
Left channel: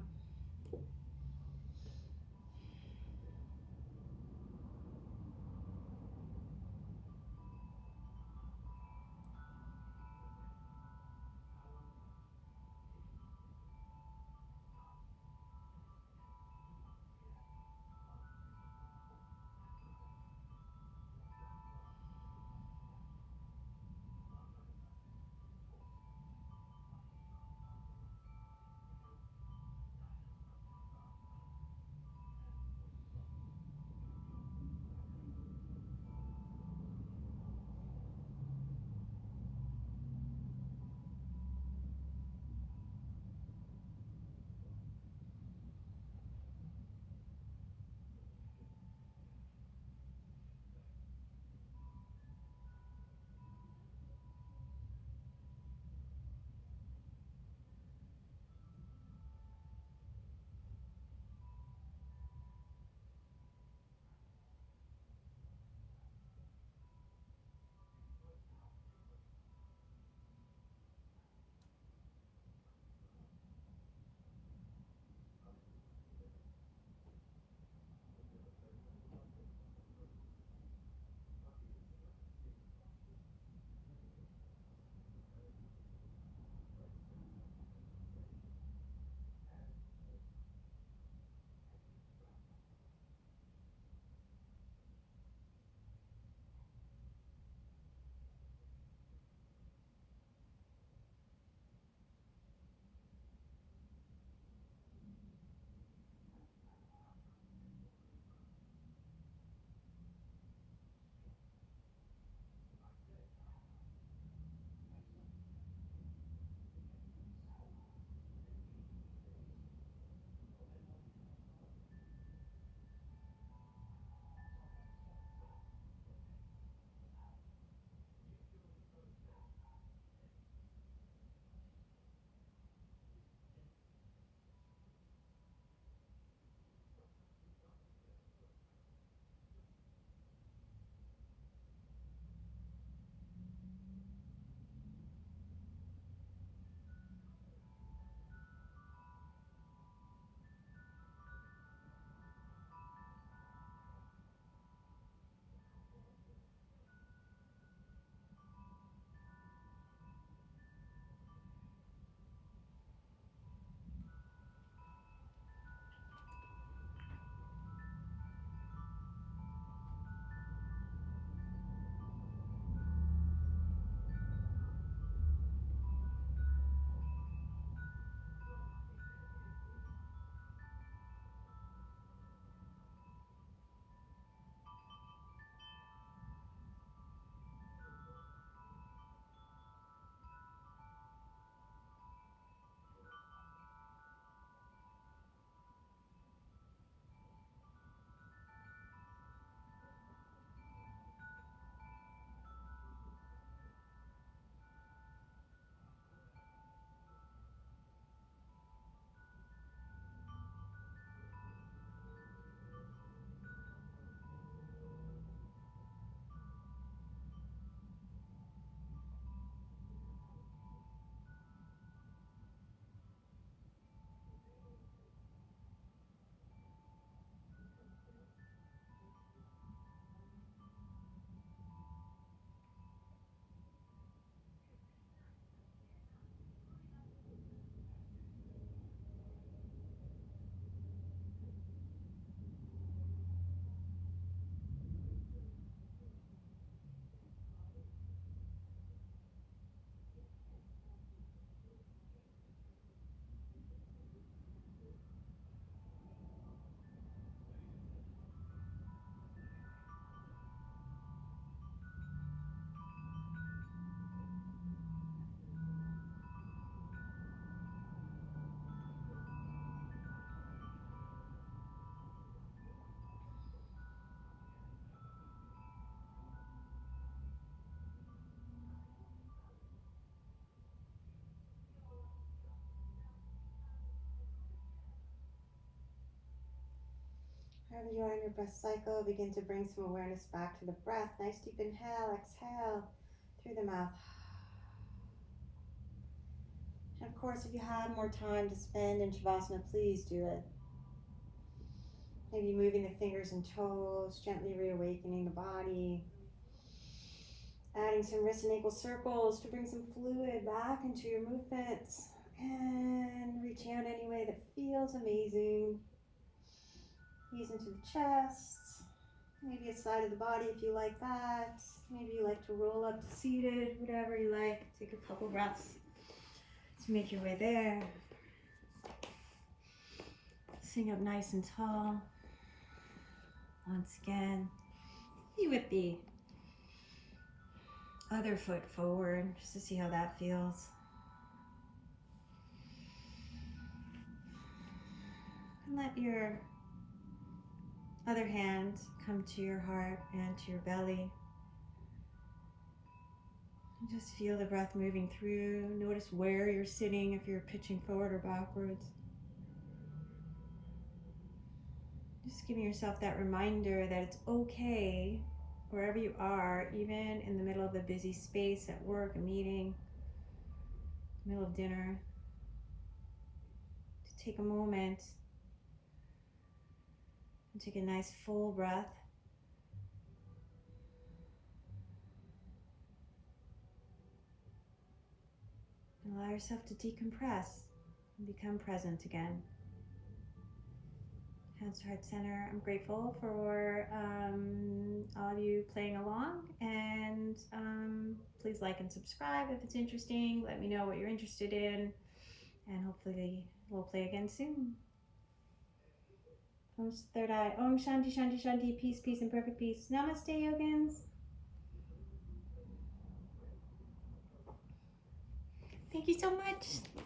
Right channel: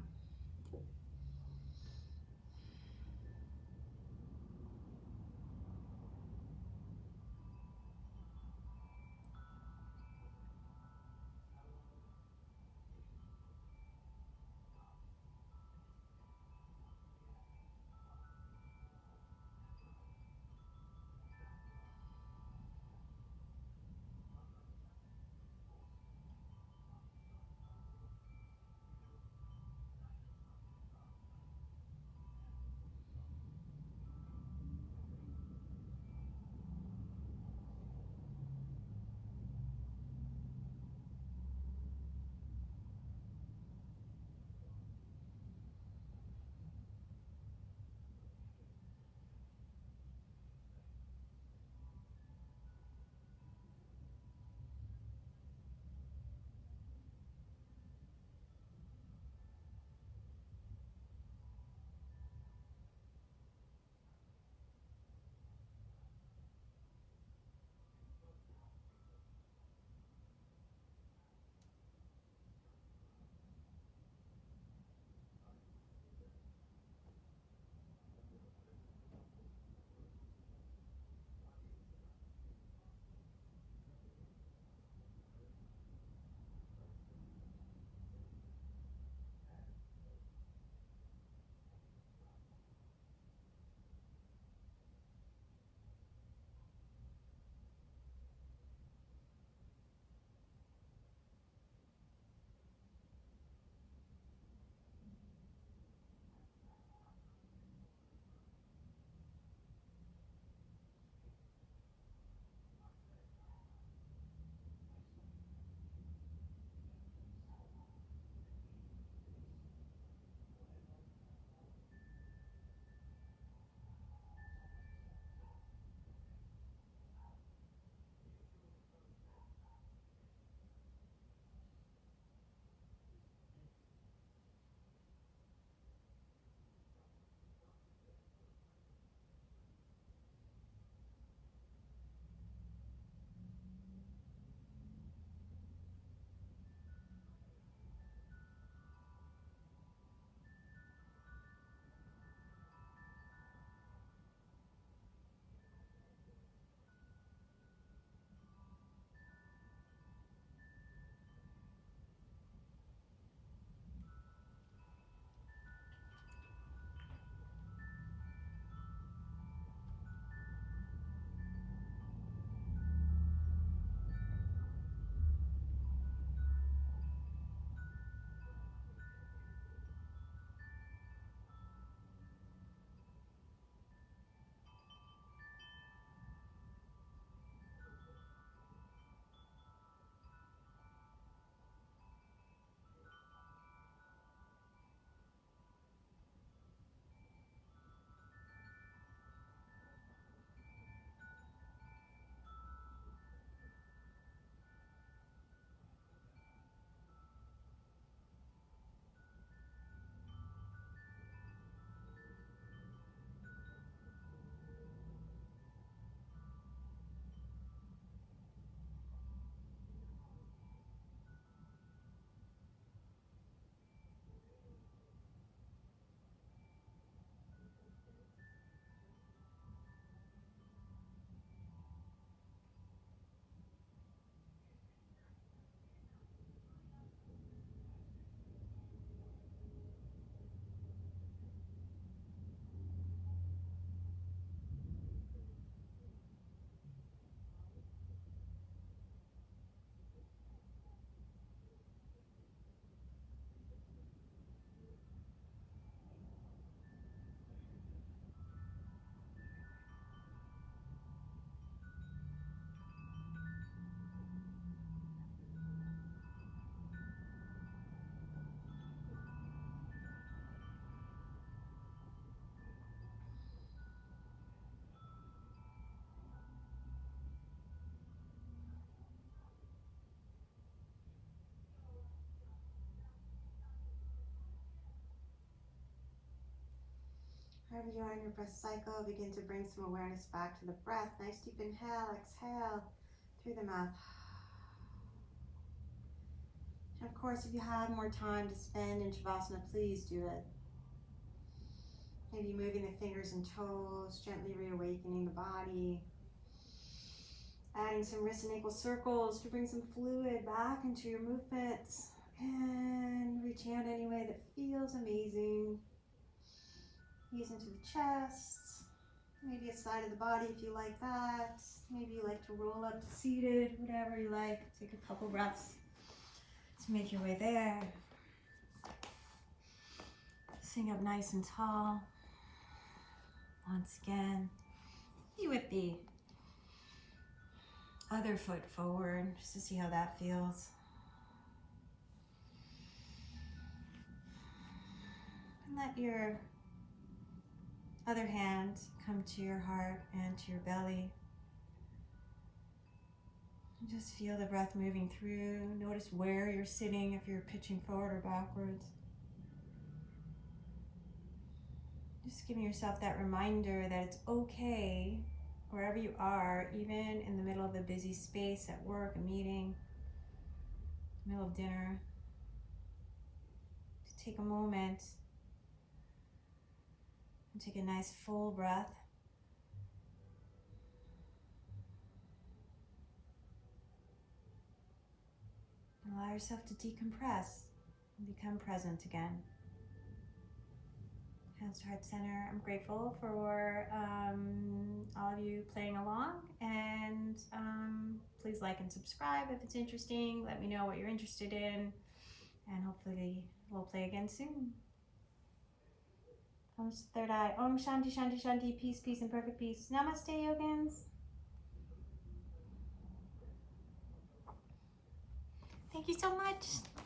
Wherever you are in your breath cycle, begin to bring some awareness back to the breath. Nice deep inhale, exhale through the mouth. And of course, if you have more time to spend in Shavasana, please do it. Maybe moving the fingers and toes, gently reawakening the body. Adding some wrist and ankle circles to bring some fluid back into your movements. And reaching out any way that feels amazing. Ease into the chest. Maybe a side of the body if you like that. Maybe you like to roll up to seated, whatever you like. Take a couple breaths to make your way there. Sitting up nice and tall. Once again, you whip the other foot forward just to see how that feels. And let your other hand come to your heart and to your belly. And just feel the breath moving through. Notice where you're sitting, if you're pitching forward or backwards. Just giving yourself that reminder that it's okay wherever you are, even in the middle of a busy space at work, a meeting, middle of dinner, to take a moment and take a nice full breath. And allow yourself to decompress and become present again. Hands to heart center. I'm grateful for all of you playing along, and please like and subscribe if it's interesting. Let me know what you're interested in, and hopefully we'll play again soon. Om third eye. Om Shanti Shanti Shanti. Peace, peace, and perfect peace. Namaste, yogins. Thank you so much.